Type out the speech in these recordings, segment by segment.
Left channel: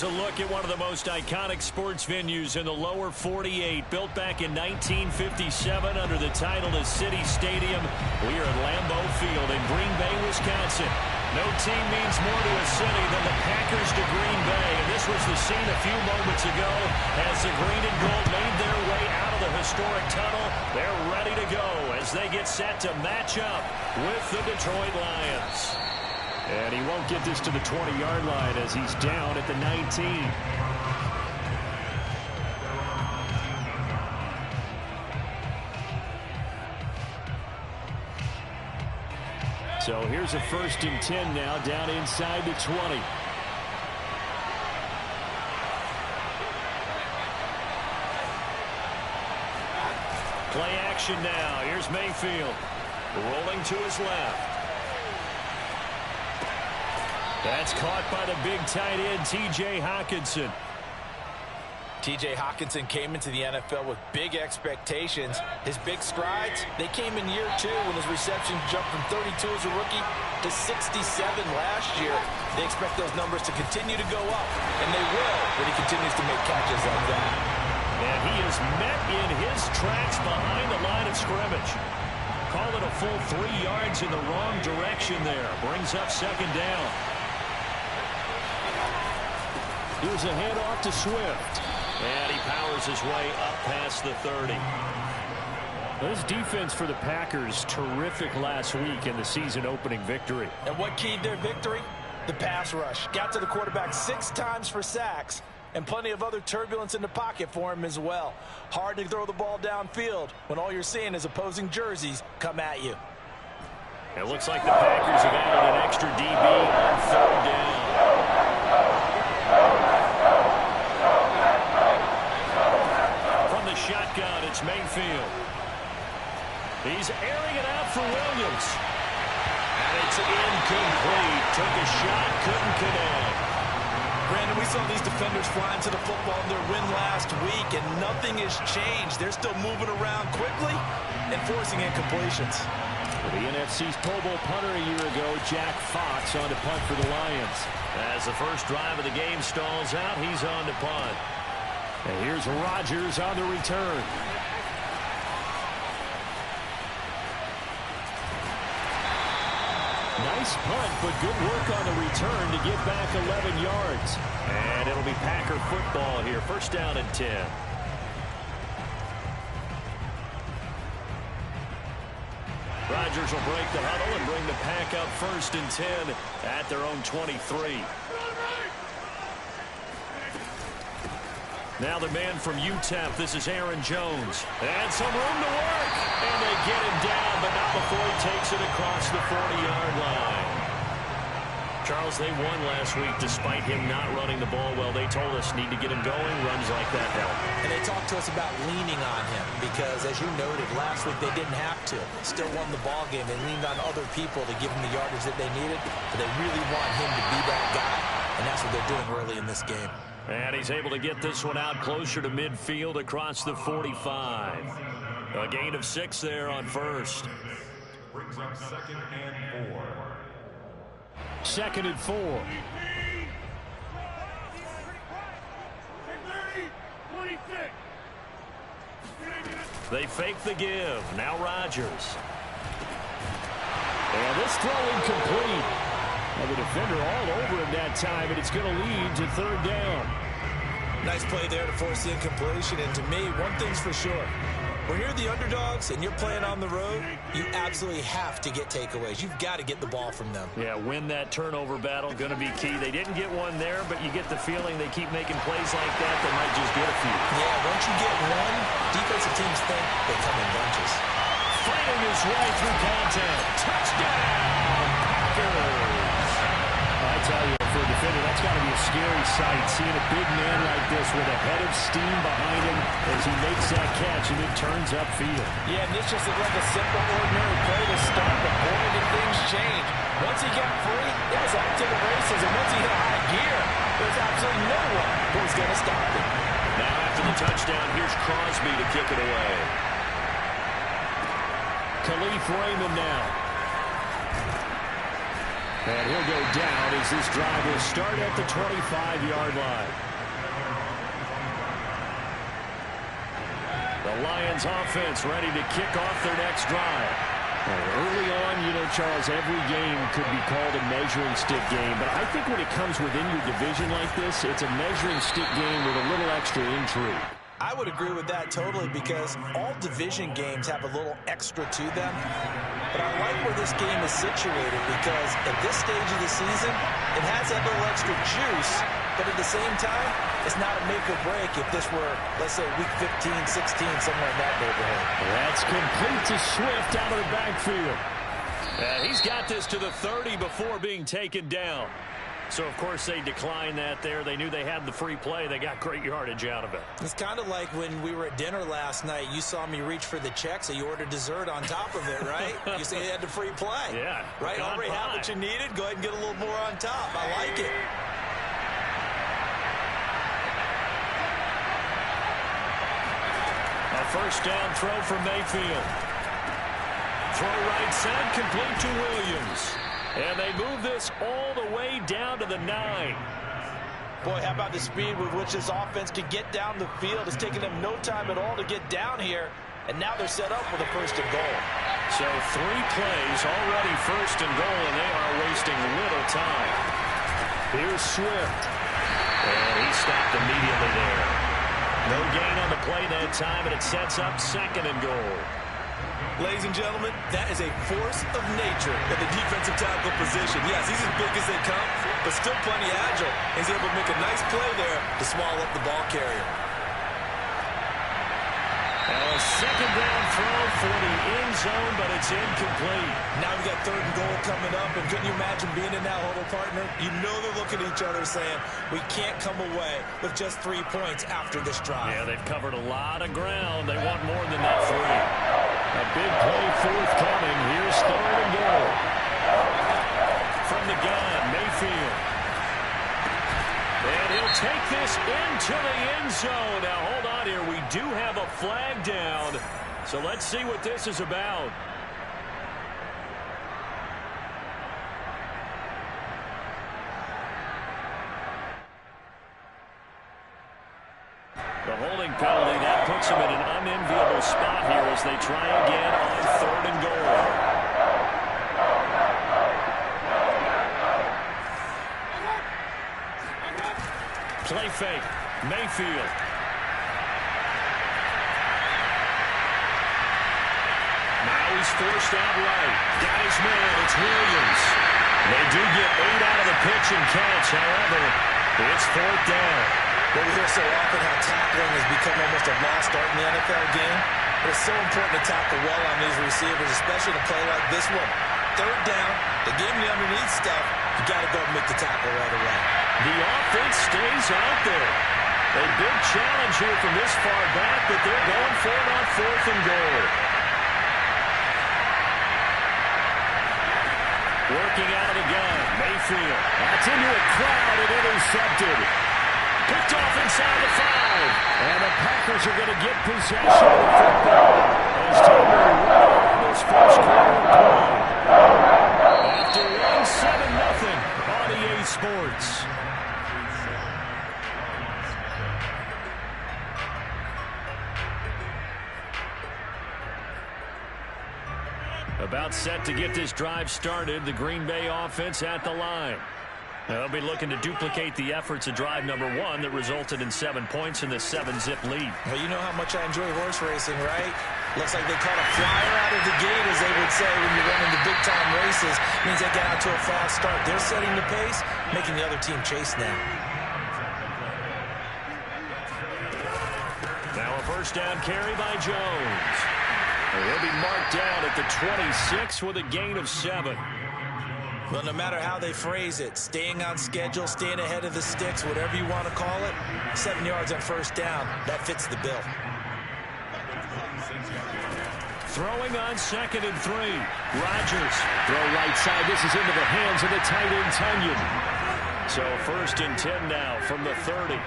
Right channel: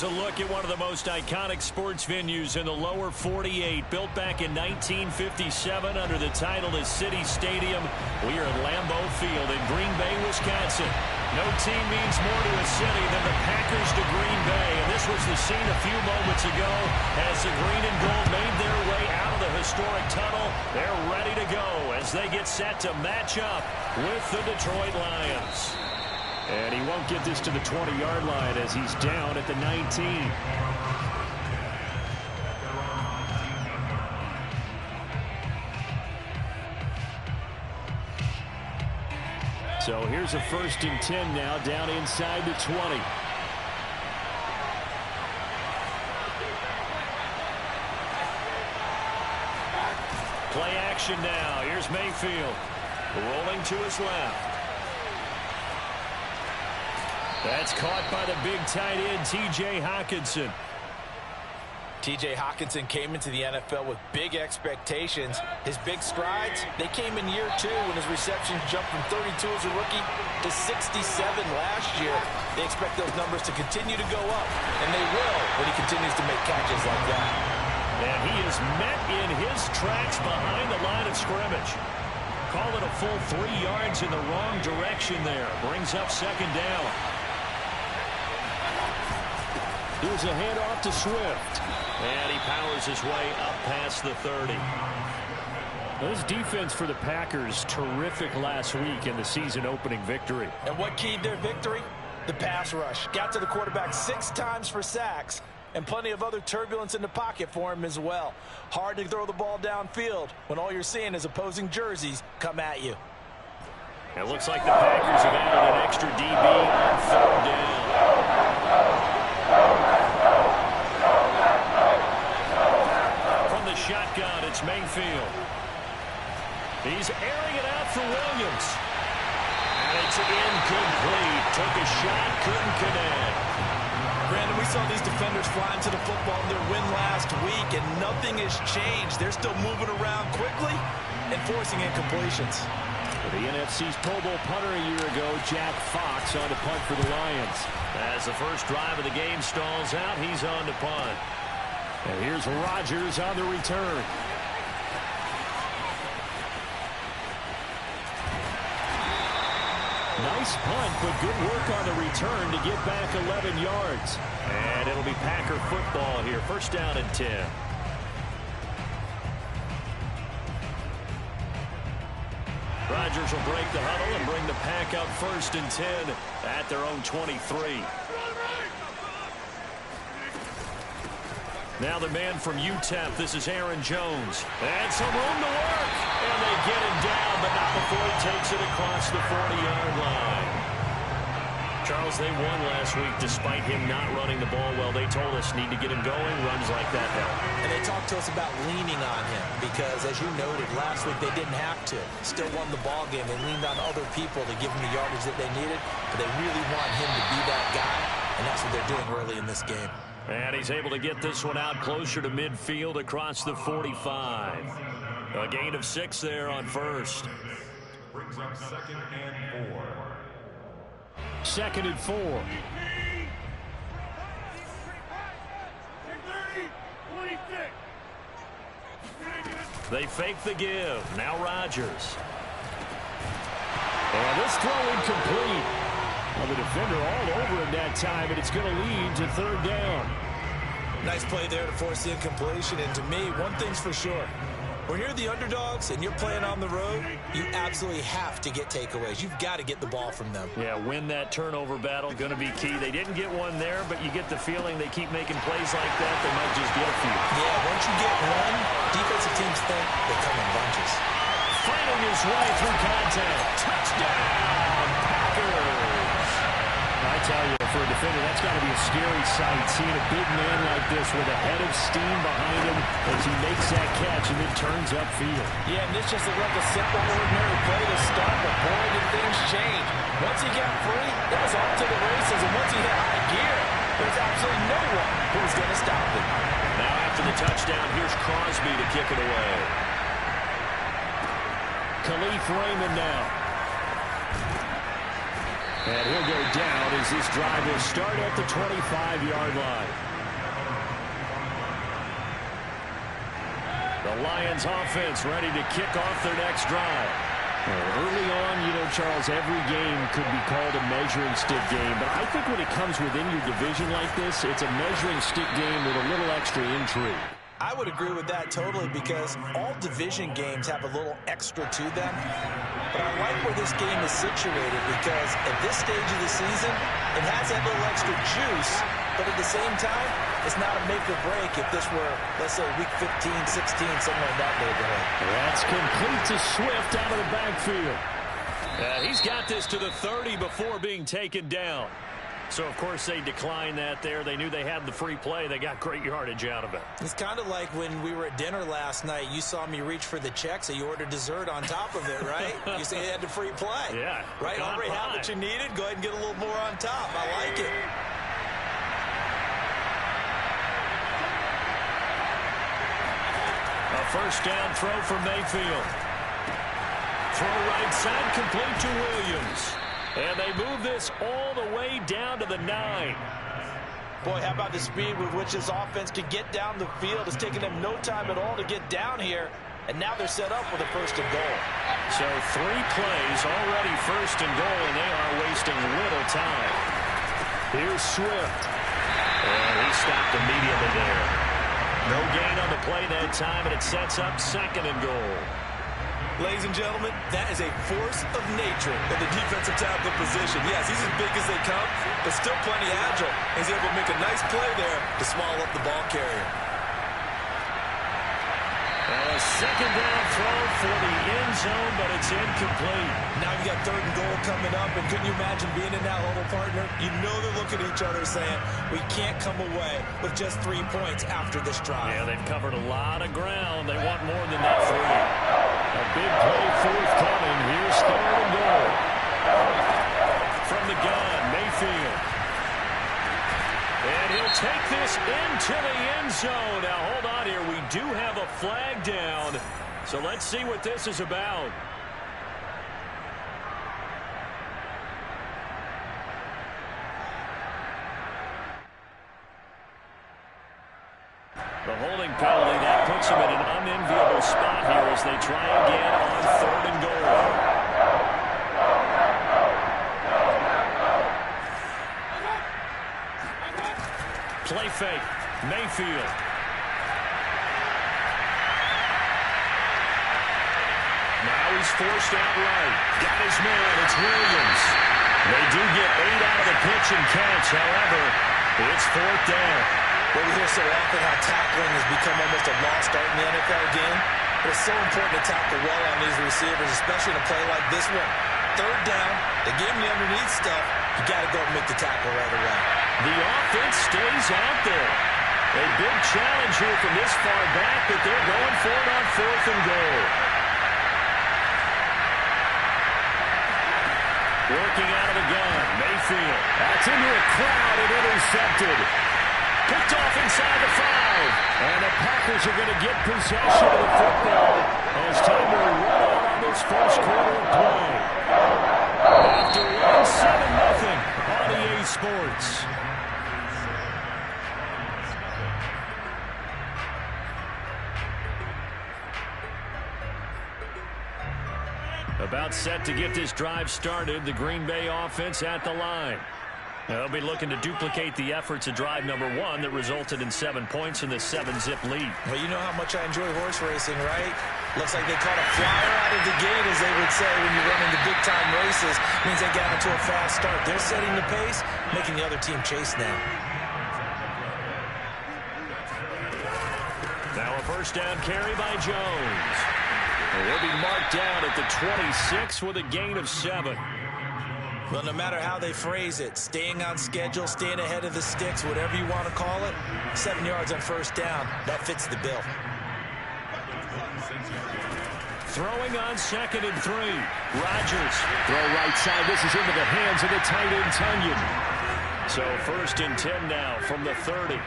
Here's a look at one of the most iconic sports venues in the lower 48, built back in 1957 under the title of City Stadium. We are at Lambeau Field in Green Bay, Wisconsin. No team means more to a city than the Packers to Green Bay, and this was the scene a few moments ago as the green and gold made their way out of the historic tunnel. They're ready to go as they get set to match up with the Detroit Lions. And he won't get this to the 20-yard line as he's down at the 19. So here's a 1st and 10 now, down inside the 20. Play action now. Here's Mayfield. Rolling to his left. That's caught by the big tight end, T.J. Hockenson. T.J. Hockenson came into the NFL with big expectations. His big strides, they came in year 2 when his receptions jumped from 32 as a rookie to 67 last year. They expect those numbers to continue to go up, and they will when he continues to make catches like that. And he is met in his tracks behind the line of scrimmage. Call it a full 3 yards in the wrong direction there. Brings up 2nd down. Here's a handoff to Swift. And he powers his way up past the 30. This defense for the Packers, terrific last week in the season-opening victory. And what keyed their victory? The pass rush. Got to the quarterback 6 times for sacks, and plenty of other turbulence in the pocket for him as well. Hard to throw the ball downfield when all you're seeing is opposing jerseys come at you. It looks like the Packers have added an extra DB on 3rd down. From the shotgun, it's Mayfield. He's airing it out for Williams. And it's incomplete. Took a shot, couldn't connect. Brandon, we saw these defenders flying to the football in their win last week, and nothing has changed. They're still moving around quickly and forcing incompletions. For the NFC's Pro Bowl punter a year ago, Jack Fox on to punt for the Lions. As the first drive of the game stalls out, he's on to punt. And here's Rodgers on the return. Nice punt, but good work on the return to get back 11 yards. And it'll be Packer football here. 1st down and 10. Rodgers will break the huddle and bring the Pack up 1st and 10 at their own 23. Now the man from UTEP, this is Aaron Jones. And some room to work. And they get him down, but not before he takes it across the 40-yard line. Charles, they won last week despite him not running the ball well. They told us need to get him going. Runs like that help. And they talked to us about leaning on him because, as you noted, last week they didn't have to. Still won the ball game. They leaned on other people to give them the yardage that they needed, but they really want him to be that guy, and that's what they're doing early in this game. And he's able to get this one out closer to midfield across the 45. A gain of 6 there on 1st. Brings up 2nd and 4. 2nd and 4. They fake the give. Now Rodgers. And this throw incomplete. Well, the defender all over him that time, and it's going to lead to 3rd down. Nice play there to force the incompletion. And to me, one thing's for sure. When you're the underdogs and you're playing on the road, you absolutely have to get takeaways. You've got to get the ball from them. Yeah, win that turnover battle, going to be key. They didn't get one there, but you get the feeling they keep making plays like that, they might just get a few. Yeah, once you get one, defensive teams think they come in bunches. Fighting his way through contact. Touchdown, Packers! I tell you, for a defender, that's got to be a scary sight, seeing a big man like this with a head of steam behind him as he makes that catch and then turns upfield. Yeah, and this just looked like a simple, ordinary play to start, but boy, did things change. Once he got free, it was off to the races, and once he hit high gear, there's absolutely no one who was going to stop him. Now after the touchdown, here's Crosby to kick it away. Khalif Raymond now. And he'll go down as this drive will start at the 25-yard line. The Lions offense ready to kick off their next drive. Early on, you know, Charles, every game could be called a measuring stick game. But I think when it comes within your division like this, it's a measuring stick game with a little extra intrigue. I would agree with that totally because all division games have a little extra to them. But I like where this game is situated because at this stage of the season, it has that little extra juice. But at the same time, it's not a make or break if this were, let's say, week 15, 16, somewhere in that neighborhood. That's complete to Swift out of the backfield. He's got this to the 30 before being taken down. So, of course, they declined that there. They knew they had the free play. They got great yardage out of it. It's kind of like when we were at dinner last night. You saw me reach for the check, so you ordered dessert on top of it, right? You said you had the free play. Yeah. Right? Already have what you needed. Go ahead and get a little more on top. I like it. A first down throw for Mayfield. Throw right side, complete to Williams. And they move this all the way down to the 9. Boy, how about the speed with which this offense could get down the field? It's taking them no time at all to get down here. And now they're set up with a first and goal. So 3 plays already first and goal, and they are wasting little time. Here's Swift. And he stopped immediately there. No gain on the play that time, and it sets up second and goal. Ladies and gentlemen, that is a force of nature in the defensive tackle position. Yes, he's as big as they come, but still plenty agile. He's able to make a nice play there to swallow up the ball carrier. Now a second down throw for the end zone, but it's incomplete. Now we got third and goal coming up, and couldn't you imagine being in that huddle, partner? You know they're looking at each other saying, we can't come away with just 3 points after this drive. Yeah, they've covered a lot of ground. They want more than that 3. A big play forthcoming. Here's third and goal. From the gun, Mayfield. And he'll take this into the end zone. Now, hold on here. We do have a flag down. So let's see what this is about. The holding penalty, that puts them in an unenviable spot here as they try again on third and goal. Play fake. Mayfield. Now he's forced out right. Got his man. It's Williams. They do get 8 out of the pitch and catch. However, it's fourth down. Well, we hear so often how tackling has become almost a lost art in the NFL game. But it's so important to tackle well on these receivers, especially in a play like this one. Third down, they gave him the underneath stuff. You got to go and make the tackle right away. The offense stays out there. A big challenge here from this far back, but they're going for it on fourth and goal. Working out of the gun, Mayfield. That's into a crowd and intercepted. Picked off inside the 5. And the Packers are going to get possession of the football as time to run out on this first quarter of play. After 1-7-0 on EA Sports. About set to get this drive started, the Green Bay offense at the line. They'll be looking to duplicate the efforts of drive number 1 that resulted in 7 points in the 7-zip lead. Well, you know how much I enjoy horse racing, right? Looks like they caught a flyer out of the gate, as they would say when you're running the big-time races. Means they get out to a fast start. They're setting the pace, making the other team chase now. Now a first down carry by Jones. He'll be marked down at the 26 with a gain of 7. Well, no matter how they phrase it, staying on schedule, staying ahead of the sticks, whatever you want to call it, 7 yards on first down, that fits the bill. Throwing on 2nd and 3. Rodgers. Throw right side. This is into the hands of the tight end, Tunyon. So 1st and 10 now from the 30.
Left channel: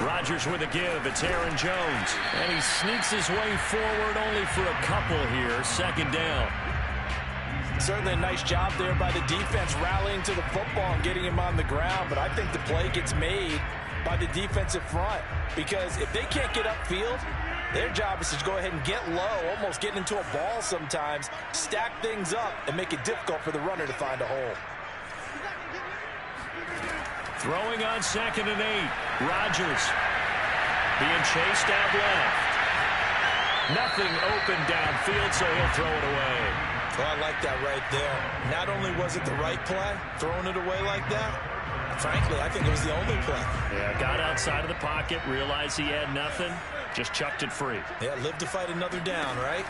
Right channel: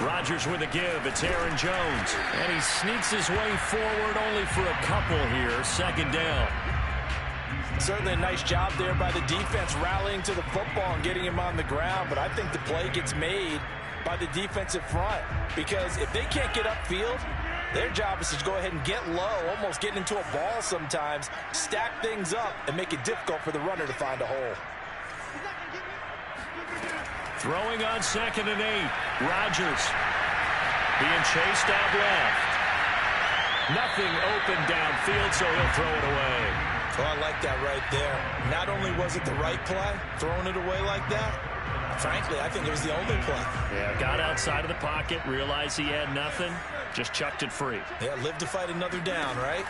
Rodgers with a give. It's Aaron Jones. And he sneaks his way forward only for a couple here. Second down. Certainly a nice job there by the defense rallying to the football and getting him on the ground. But I think the play gets made by the defensive front. Because if they can't get upfield, their job is to go ahead and get low, almost get into a ball sometimes, stack things up, and make it difficult for the runner to find a hole. Throwing on 2nd and 8. Rodgers being chased out left. Nothing open downfield, so he'll throw it away. Oh, I like that right there. Not only was it the right play, throwing it away like that, frankly, I think it was the only play. Yeah, got outside of the pocket, realized he had nothing, just chucked it free. Yeah, live to fight another down, right?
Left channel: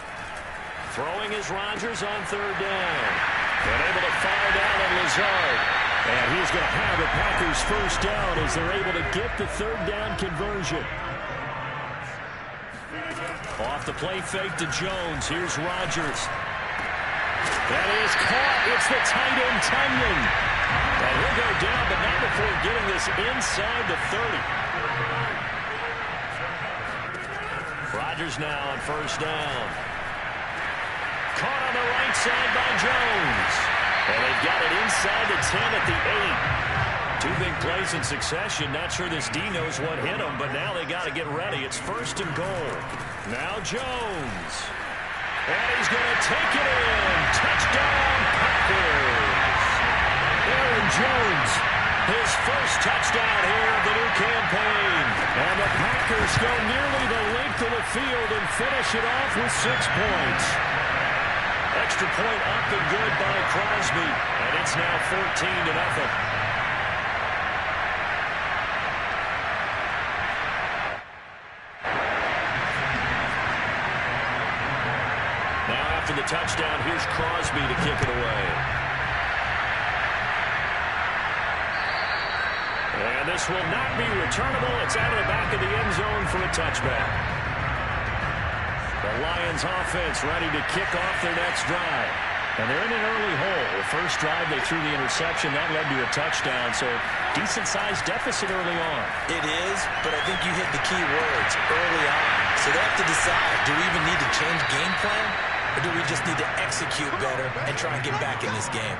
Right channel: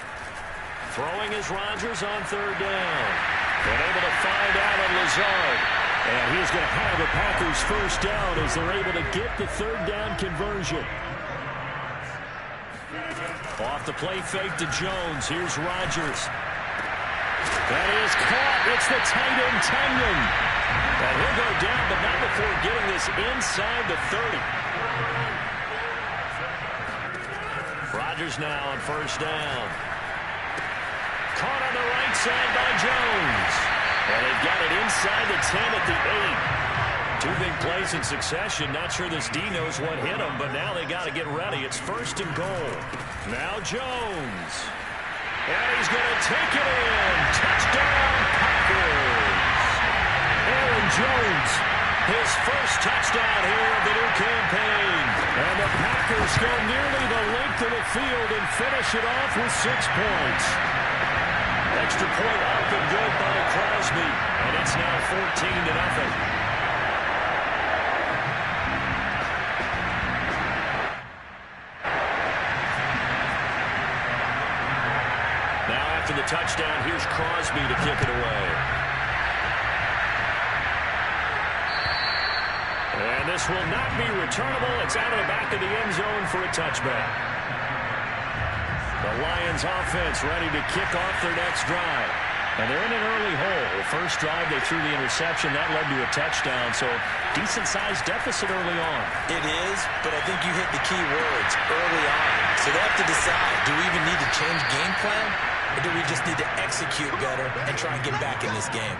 Throwing is Rodgers on 3rd down. And able to find Allen Lazard. And he's going to have a Packers first down as they're able to get the 3rd down conversion. Off the play fake to Jones. Here's Rodgers. That is caught. It's the tight end, Tunyon. And he'll go down, but not before getting this inside the 30. Rodgers now on 1st down. Caught on the right side by Jones. And they've got it inside the 10 at the 8. 2 big plays in succession. Not sure this D knows what hit him, but now they got to get ready. It's 1st and goal. Now Jones. And he's going to take it in. Touchdown, Packers. Aaron Jones, his first touchdown here of the new campaign. And the Packers go nearly the length of the field and finish it off with 6 points. Extra point up and good by Crosby. And it's now 14-0. Now after the touchdown, here's Crosby to kick it away. And this will not be returnable. It's out of the back of the end zone for a touchback. The Lions offense ready to kick off their next drive. And they're in an early hole. The first drive, they threw the interception. That led to a touchdown, so decent-sized deficit early on. It is, but I think you hit the key words, early on. So they have to decide, do we even need to change game plan? Or do we just need to execute better and try and get back in this game?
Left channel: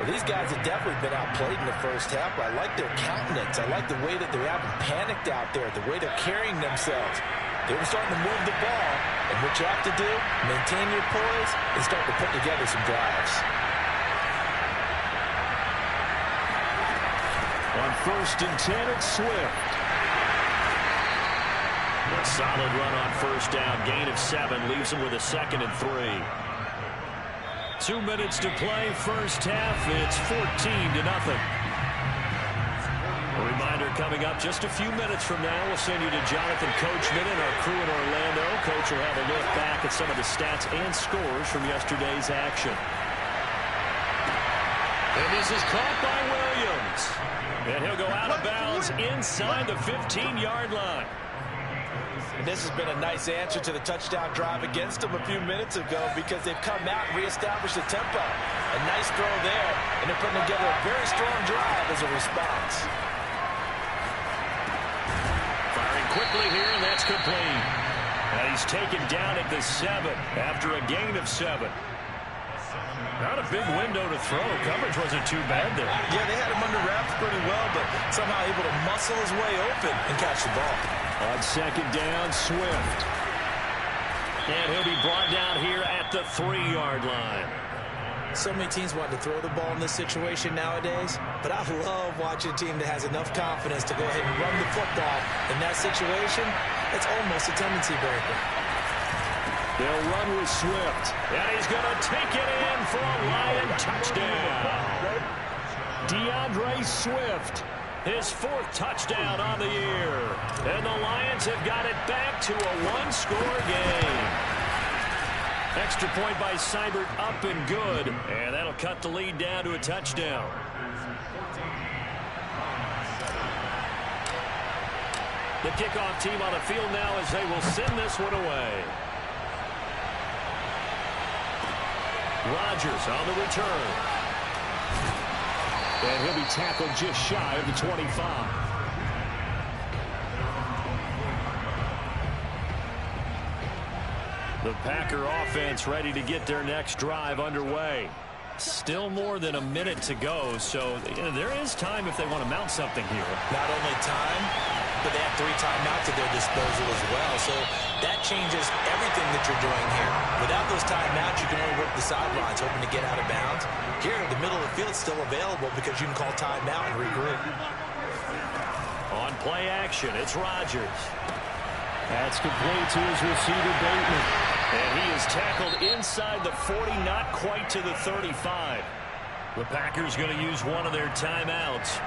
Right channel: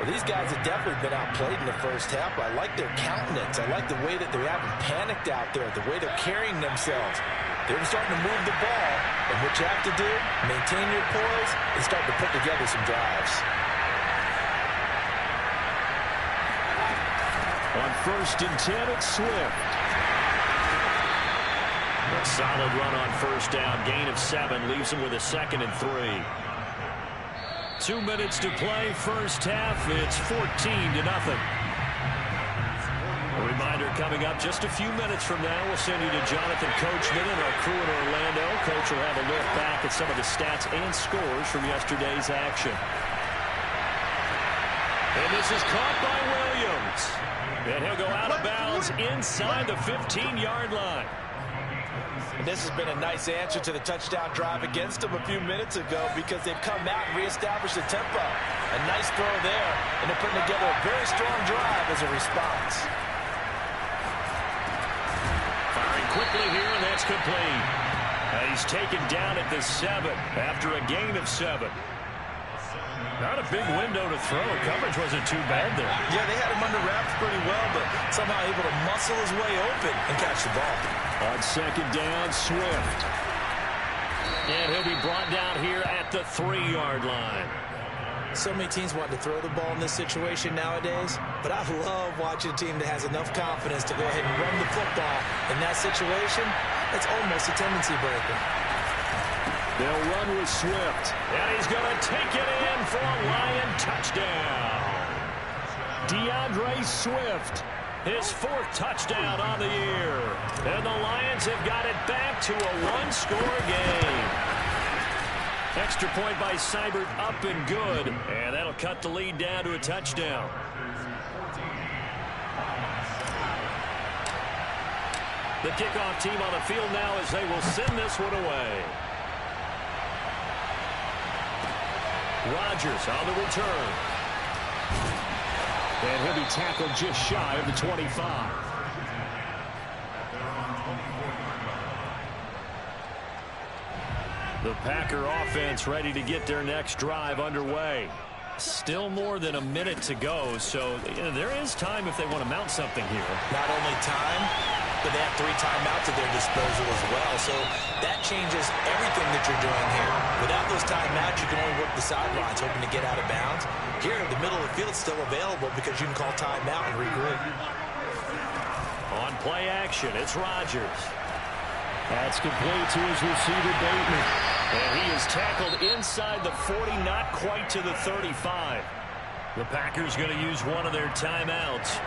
Well, these guys have definitely been outplayed in the first half. I like their countenance. I like the way that they haven't panicked out there, the way they're carrying themselves. They're starting to move the ball, and what you have to do, maintain your poise and start to put together some drives. On 1st and 10, it's Swift. A solid run on 1st down. Gain of 7 leaves him with a 2nd and 3. 2 minutes to play. First half, it's 14-0. A reminder coming up just a few minutes from now. We'll send you to Jonathan Coachman and our crew in Orlando. Coach will have a look back at some of the stats and scores from yesterday's action. And this is caught by Williams. And he'll go out of bounds inside the 15-yard line. And this has been a nice answer to the touchdown drive against them a few minutes ago because they've come out and reestablished the tempo. A nice throw there, and they're putting together a very strong drive as a response. Firing quickly here, and that's complete. And he's taken down at the 7 after a gain of 7. Not a big window to throw. Coverage wasn't too bad there. Yeah, they had him under wraps pretty well, but somehow able to muscle his way open and catch the ball. On 2nd down, Swift. And he'll be brought down here at the 3-yard line. So many teams want to throw the ball in this situation nowadays, but I love watching a team that has enough confidence to go ahead and run the football. In that situation, that's almost a tendency breaker. They'll run with Swift, and he's going to take it in for a Lion touchdown. DeAndre Swift, his 4th touchdown on the year. And the Lions have got it back to a 1-score game. Extra point by Seibert up and good, and that'll cut the lead down to a touchdown. The kickoff team on the field now as they will send this one away. Rodgers on the return. And he'll be tackled just shy of the 25. The Packer offense ready to get their next drive underway. Still more than a minute to go, so there is time if they want to mount something here. Not only time, but they have 3 timeouts at their disposal as well, so that changes everything that you're doing here. Without those timeouts, you can only work the sidelines, hoping to get out of bounds. Here, the middle of the field is still available because you can call timeout and regroup. On play action, it's Rodgers. That's complete to his receiver, Bateman. And he is tackled inside the 40, not quite to the 35. The Packers going to use one of their timeouts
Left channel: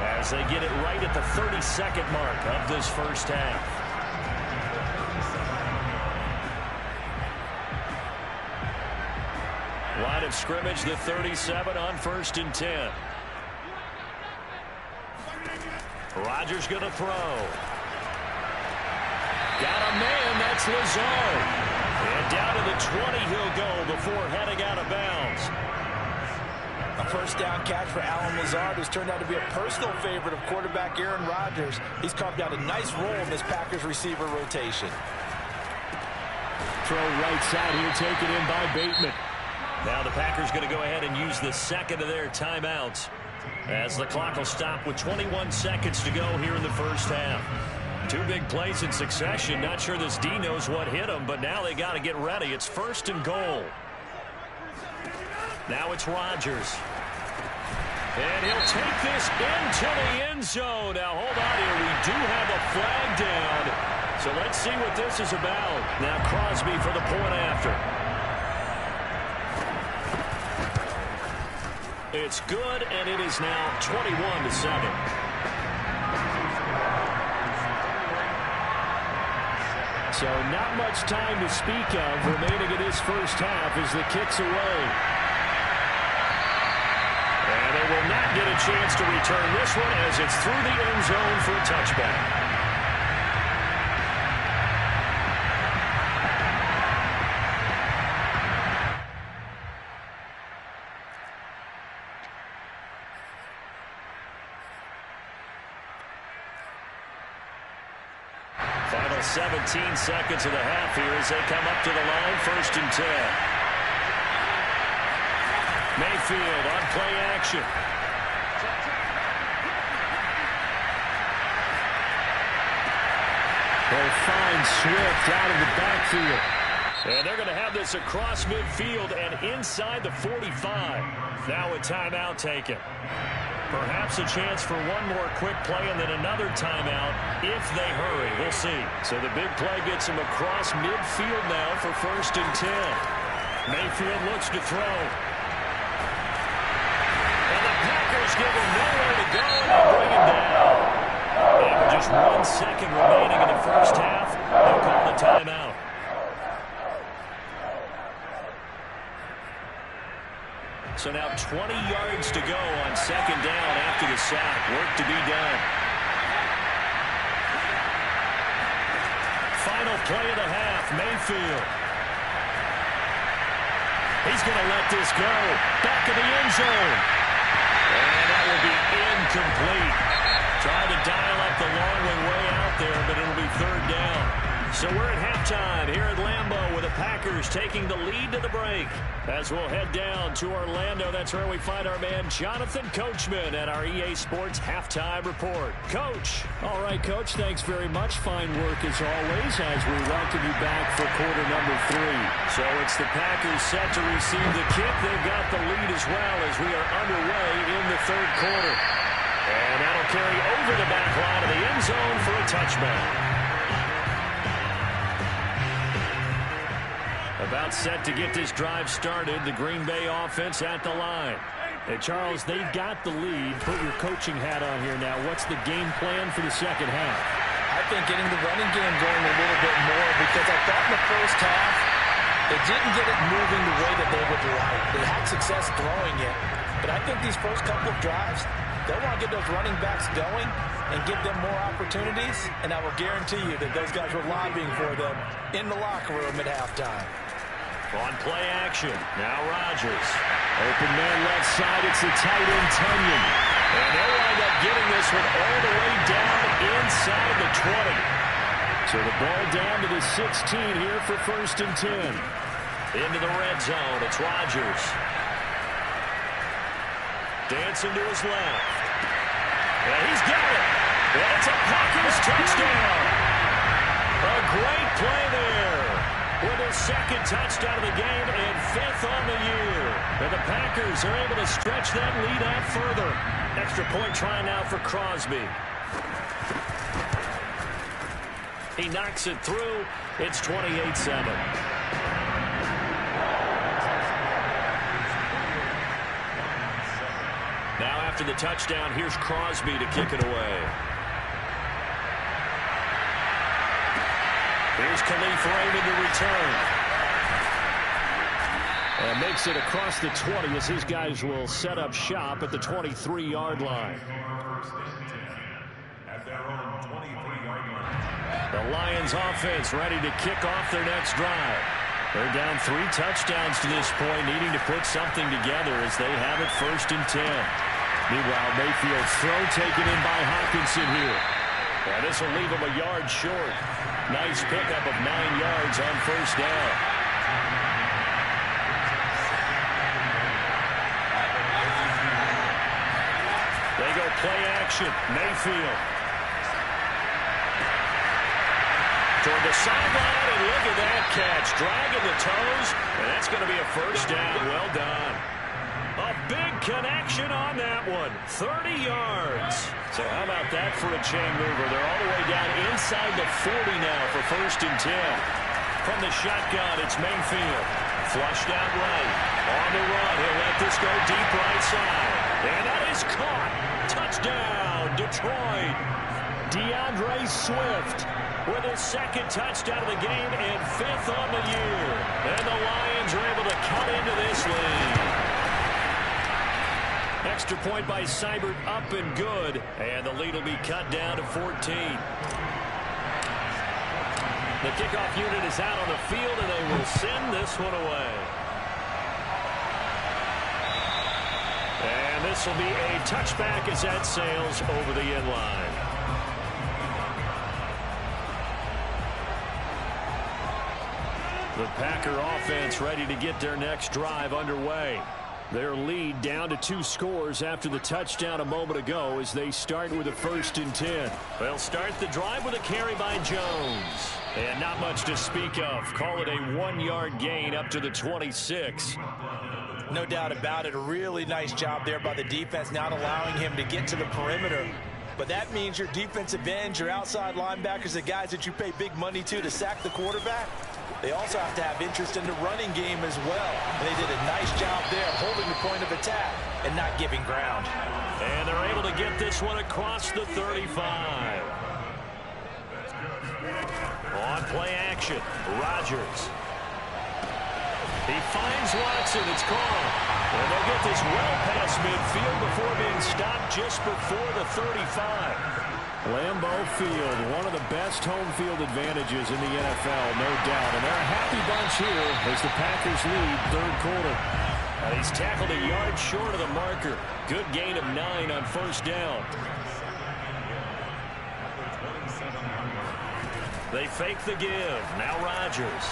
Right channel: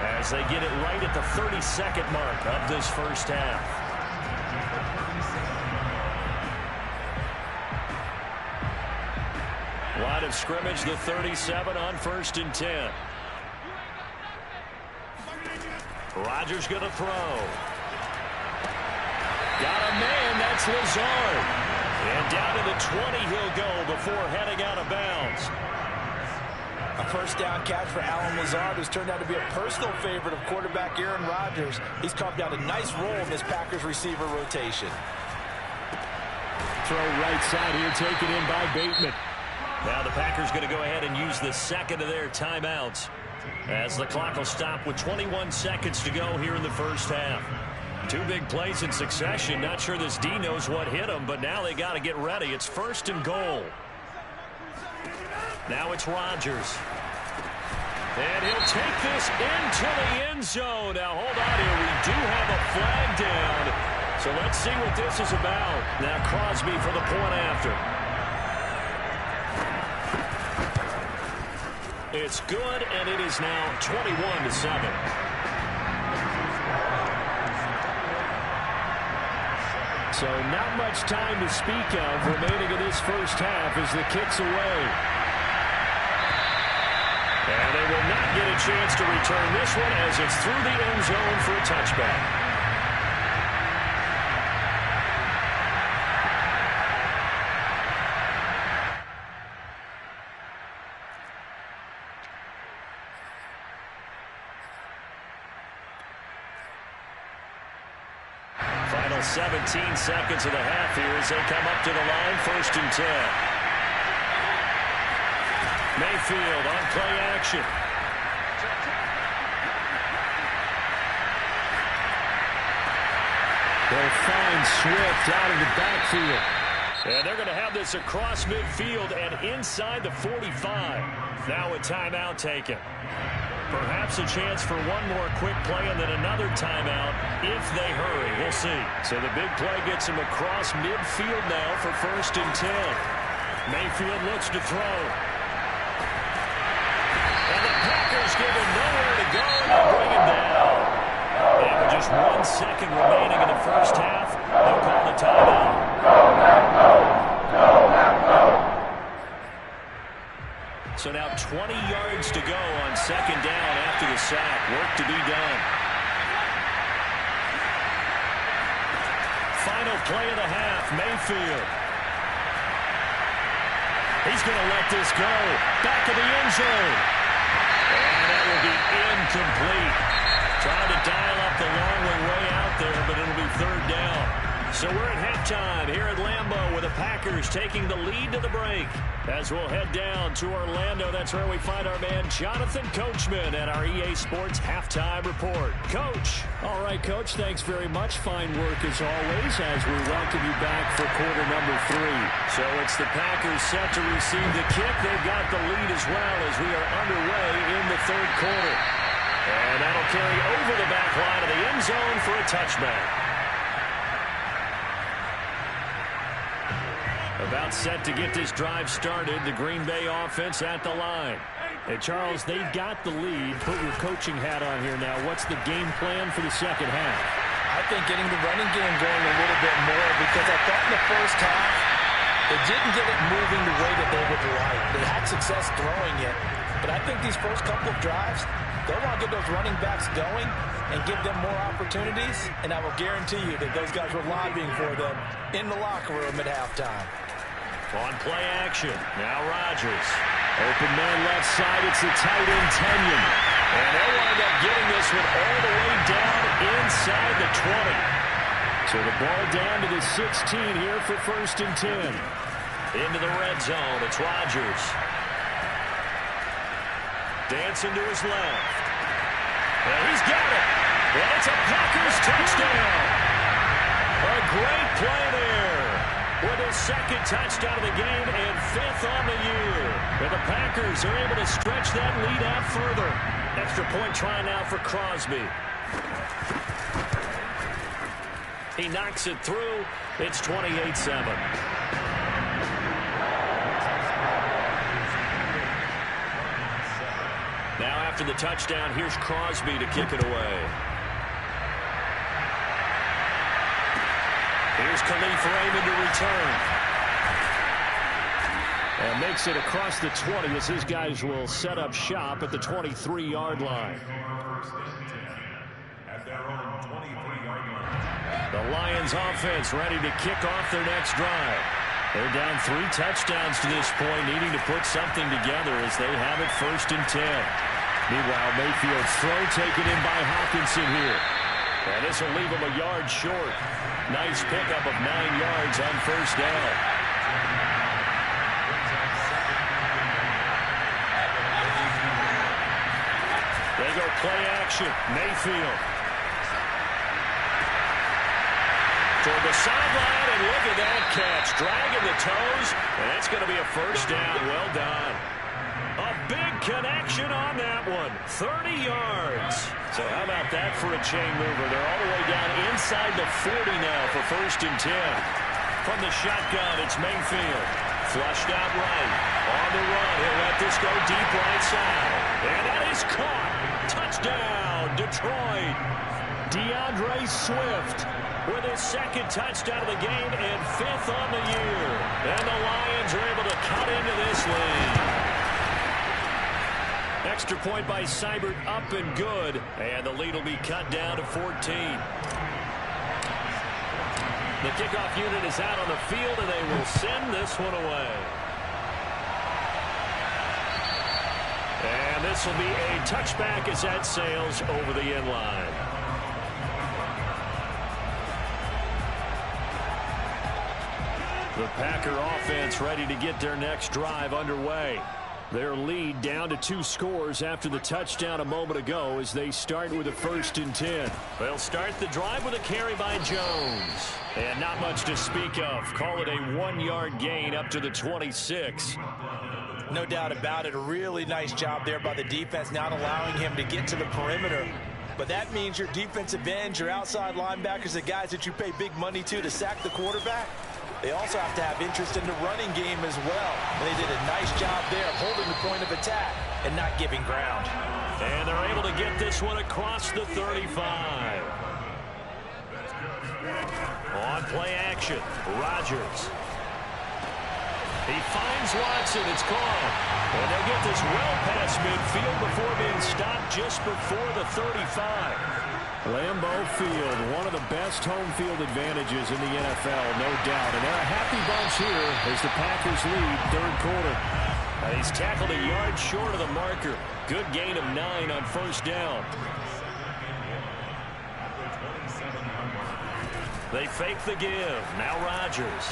as they get it right at the 30-second mark of this first half. Line of scrimmage, the 37 on 1st and 10. Rodgers going to throw. Got a man, that's Lazard. And down to the 20 he'll go before heading out of bounds. A first down catch for Allen Lazard, who's turned out to be a personal favorite of quarterback Aaron Rodgers. He's carved out a nice role in this Packers receiver rotation. Throw right side here, taken in by Bateman. Now the Packers going to go ahead and use the second of their timeouts as the clock will stop with 21 seconds to go here in the first half. 2 big plays in succession. Not sure this D knows what hit him, but now they got to get ready. It's 1st and goal. Now it's Rodgers. And he'll take this into the end zone. Now hold on here. We do have a flag down. So let's see what this is about. Now Crosby for the point after. It's good, and it is now 21-7. So not much time to speak of remaining in this first half as the kick's away. And they will not get a chance to return this one as it's through the end zone for a touchback. Final 17 seconds of the half here as they come up to the line, 1st and 10. Mayfield on play action. They'll find Swift out of the backfield. And they're going to have this across midfield and inside the 45. Now a timeout taken. Perhaps a chance for one more quick play and then another timeout if they hurry. We'll see. So the big play gets him across midfield now for 1st and 10. Mayfield looks to throw. And the Packers give him nowhere to go, and they'll bring him down. And with just 1 second remaining in the first half, they'll call the timeout. So now 20 yards to go on 2nd down after the sack. Work to be done. Final play of the half, Mayfield. He's going to let this go. Back of the end zone. And that will be incomplete. Trying to dial up the long way out there, but it'll be 3rd down. So we're at halftime here at Lambeau with the Packers taking the lead to the break. As we'll head down to Orlando, that's where we find our man Jonathan Coachman at our EA Sports Halftime Report. Coach. All right, Coach, thanks very much. Fine work as always as we welcome you back for quarter number 3. So it's the Packers set to receive the kick. They've got the lead as well as we are underway in the 3rd quarter. And that'll carry over the back line of the end zone for a touchback. About set to get this drive started. The Green Bay offense at the line. Hey, Charles, they've got the lead. Put your coaching hat on here now. What's the game plan for the second half? I think getting the running game going a little bit more because I thought in the first half they didn't get it moving the way that they would like. They had success throwing it. But I think these first couple of drives, they'll want to get those running backs going and give them more opportunities. And I will guarantee you that those guys were lobbying for them in the locker room at halftime. On play action, now Rodgers. Open man left side. It's the tight end, Tunyon. And they'll wind up getting this one all the way down inside the 20. So the ball down to the 16 here for 1st and 10. Into the red zone. It's Rodgers. Dancing to his left. And he's got it. And it's a Packers touchdown. A great play there. With his 2nd touchdown of the game and 5th on the year. And the Packers are able to stretch that lead out further. Extra point try now for Crosby. He knocks it through. It's 28-7. Now after the touchdown, here's Crosby to kick it away. Here's Khalif Raymond to return. And makes it across the 20 as his guys will set up shop at the 23-yard line. At their own 23-yard line. The Lions offense ready to kick off their next drive. They're down 3 touchdowns to this point, needing to put something together as they have it 1st and 10. Meanwhile, Mayfield's throw taken in by Hockenson here. And this will leave him a yard short. Nice pickup of 9 yards on 1st down. They go play action. Mayfield. Toward the sideline, and look at that catch. Dragging the toes, and that's going to be a 1st down. Well done. A big connection on that one. 30 yards. So how about that for a chain mover? They're all the way down inside the 40 now for 1st and 10. From the shotgun, it's Mayfield. Flushed out right. On the run, he'll let this go deep right side. And that is caught. Touchdown, Detroit. DeAndre Swift with his 2nd touchdown of the game and 5th on the year. And the Lions are able to cut into this lead. Extra point by Seibert, up and good. And the lead will be cut down to 14. The kickoff unit is out on the field, and they will send this one away. And this will be a touchback as that sails over the end line. The Packer offense ready to get their next drive underway. Their lead down to 2 scores after the touchdown a moment ago as they start with a 1st and 10. They'll start the drive with a carry by Jones. And not much to speak of. Call it a 1-yard gain up to the 26. No doubt about it. A really nice job there by the defense, not allowing him to get to the perimeter. But that means your defensive ends, your outside linebackers, the guys that you pay big money to sack the quarterback, they also have to have interest in the running game as well. And they did a nice job there of holding the point of attack and not giving ground. And they're able to get this one across the 35. On play action, Rodgers. He finds Watson. It's caught. And they'll get this well past midfield before being stopped just before the 35. Lambeau Field, one of the best home field advantages in the NFL, no doubt. And they're a happy bunch here as the Packers lead 3rd quarter. And he's tackled a yard short of the marker. Good gain of 9 on 1st down. They fake the give. Now Rodgers.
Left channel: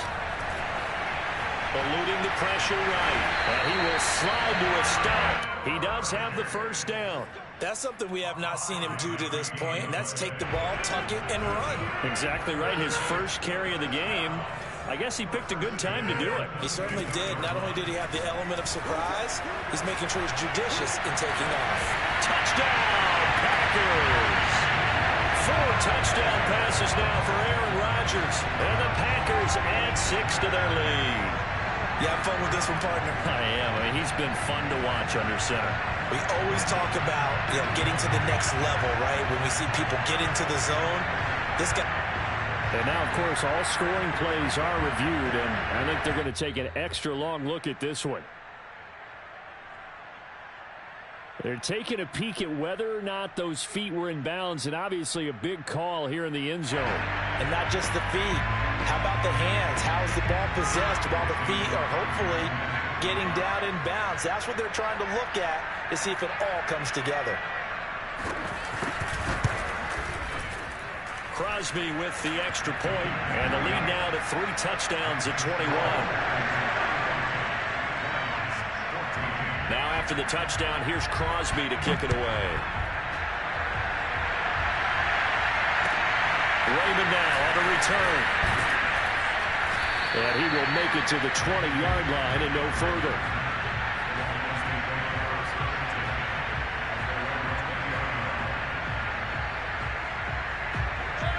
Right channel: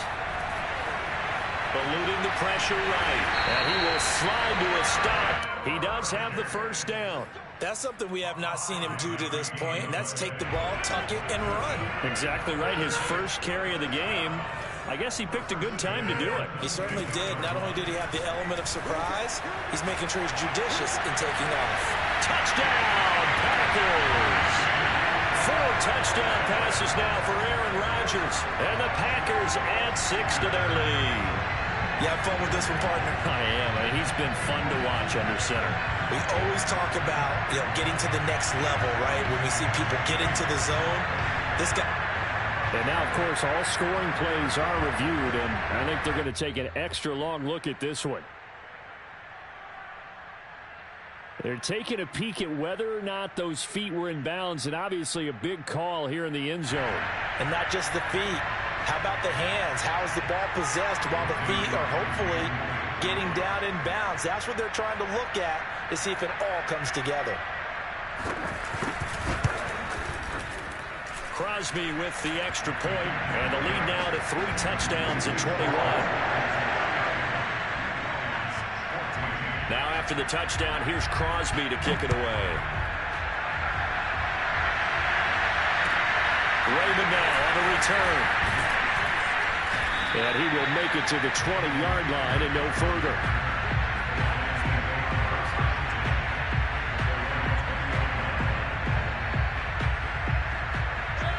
Eluding the pressure right. And he will slide to a stop. He does have the 1st down. That's something we have not seen him do to this point, and that's take the ball, tuck it, and run. Exactly right. His first carry of the game. I guess he picked a good time to do it. He certainly did. Not only did he have the element of surprise, he's making sure he's judicious in taking off. Touchdown, Packers! 4 touchdown passes now for Aaron Rodgers. And the Packers add 6 to their lead. You have fun with this one, partner? I am. I mean, he's been fun to watch under center. We always talk about, getting to the next level, right? When we see people get into the zone, this guy. And now, of course, all scoring plays are reviewed, and I think they're going to take an extra long look at this one. They're taking a peek at whether or not those feet were in bounds, and obviously a big call here in the end zone. And not just the feet. How about the hands? How is the ball possessed while the feet are hopefully getting down in bounds. That's what they're trying to look at to see if it all comes together. Crosby with the extra point, and the lead now to 3 touchdowns at 21. Now after the touchdown, here's Crosby to kick it away. Raymond now on the return. And he will make it to the 20-yard line and no further.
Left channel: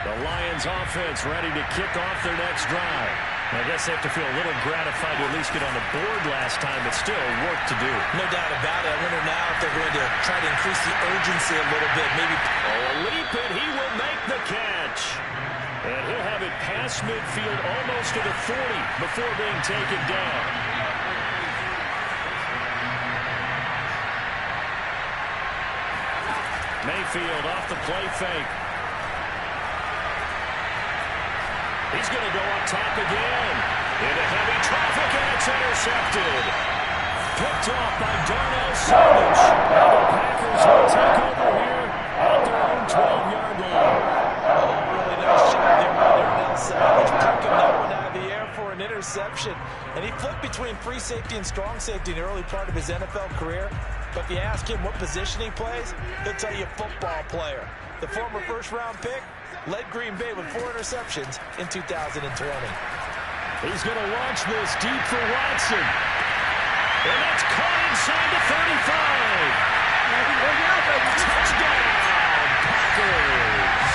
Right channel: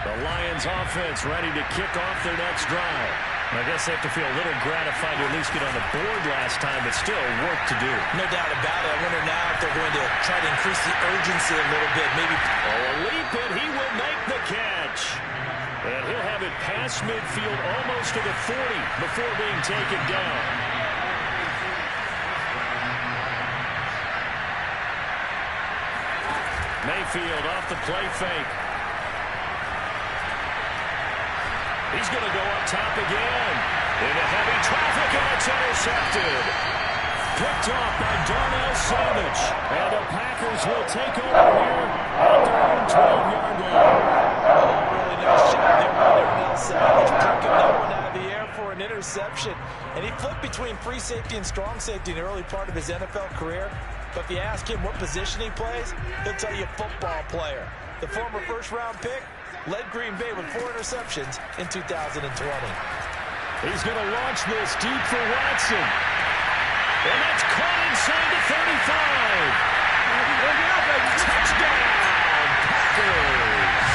The Lions offense ready to kick off their next drive. I guess they have to feel a little gratified to at least get on the board last time, but still work to do. No doubt about it. I wonder now if they're going to try to increase the urgency a little bit. Maybe. Oh, a leap, and he will make the catch. And he'll have it past midfield almost to the 40 before being taken down. Mayfield off the play fake. He's going to go up top again. Into heavy traffic, and it's intercepted. Picked off by Darnell Savage. Now the Packers will take over here at their own 12-yard line. Really nice shot there by Darnell Savage. Picking that one out of the air for an interception. And he flipped between free safety and strong safety in the early part of his NFL career. But if you ask him what position he plays, he'll tell you football player. The former first-round pick led Green Bay with 4 interceptions in 2020. He's going to launch this deep for Watson. And that's caught inside the 35. Touchdown, Packers.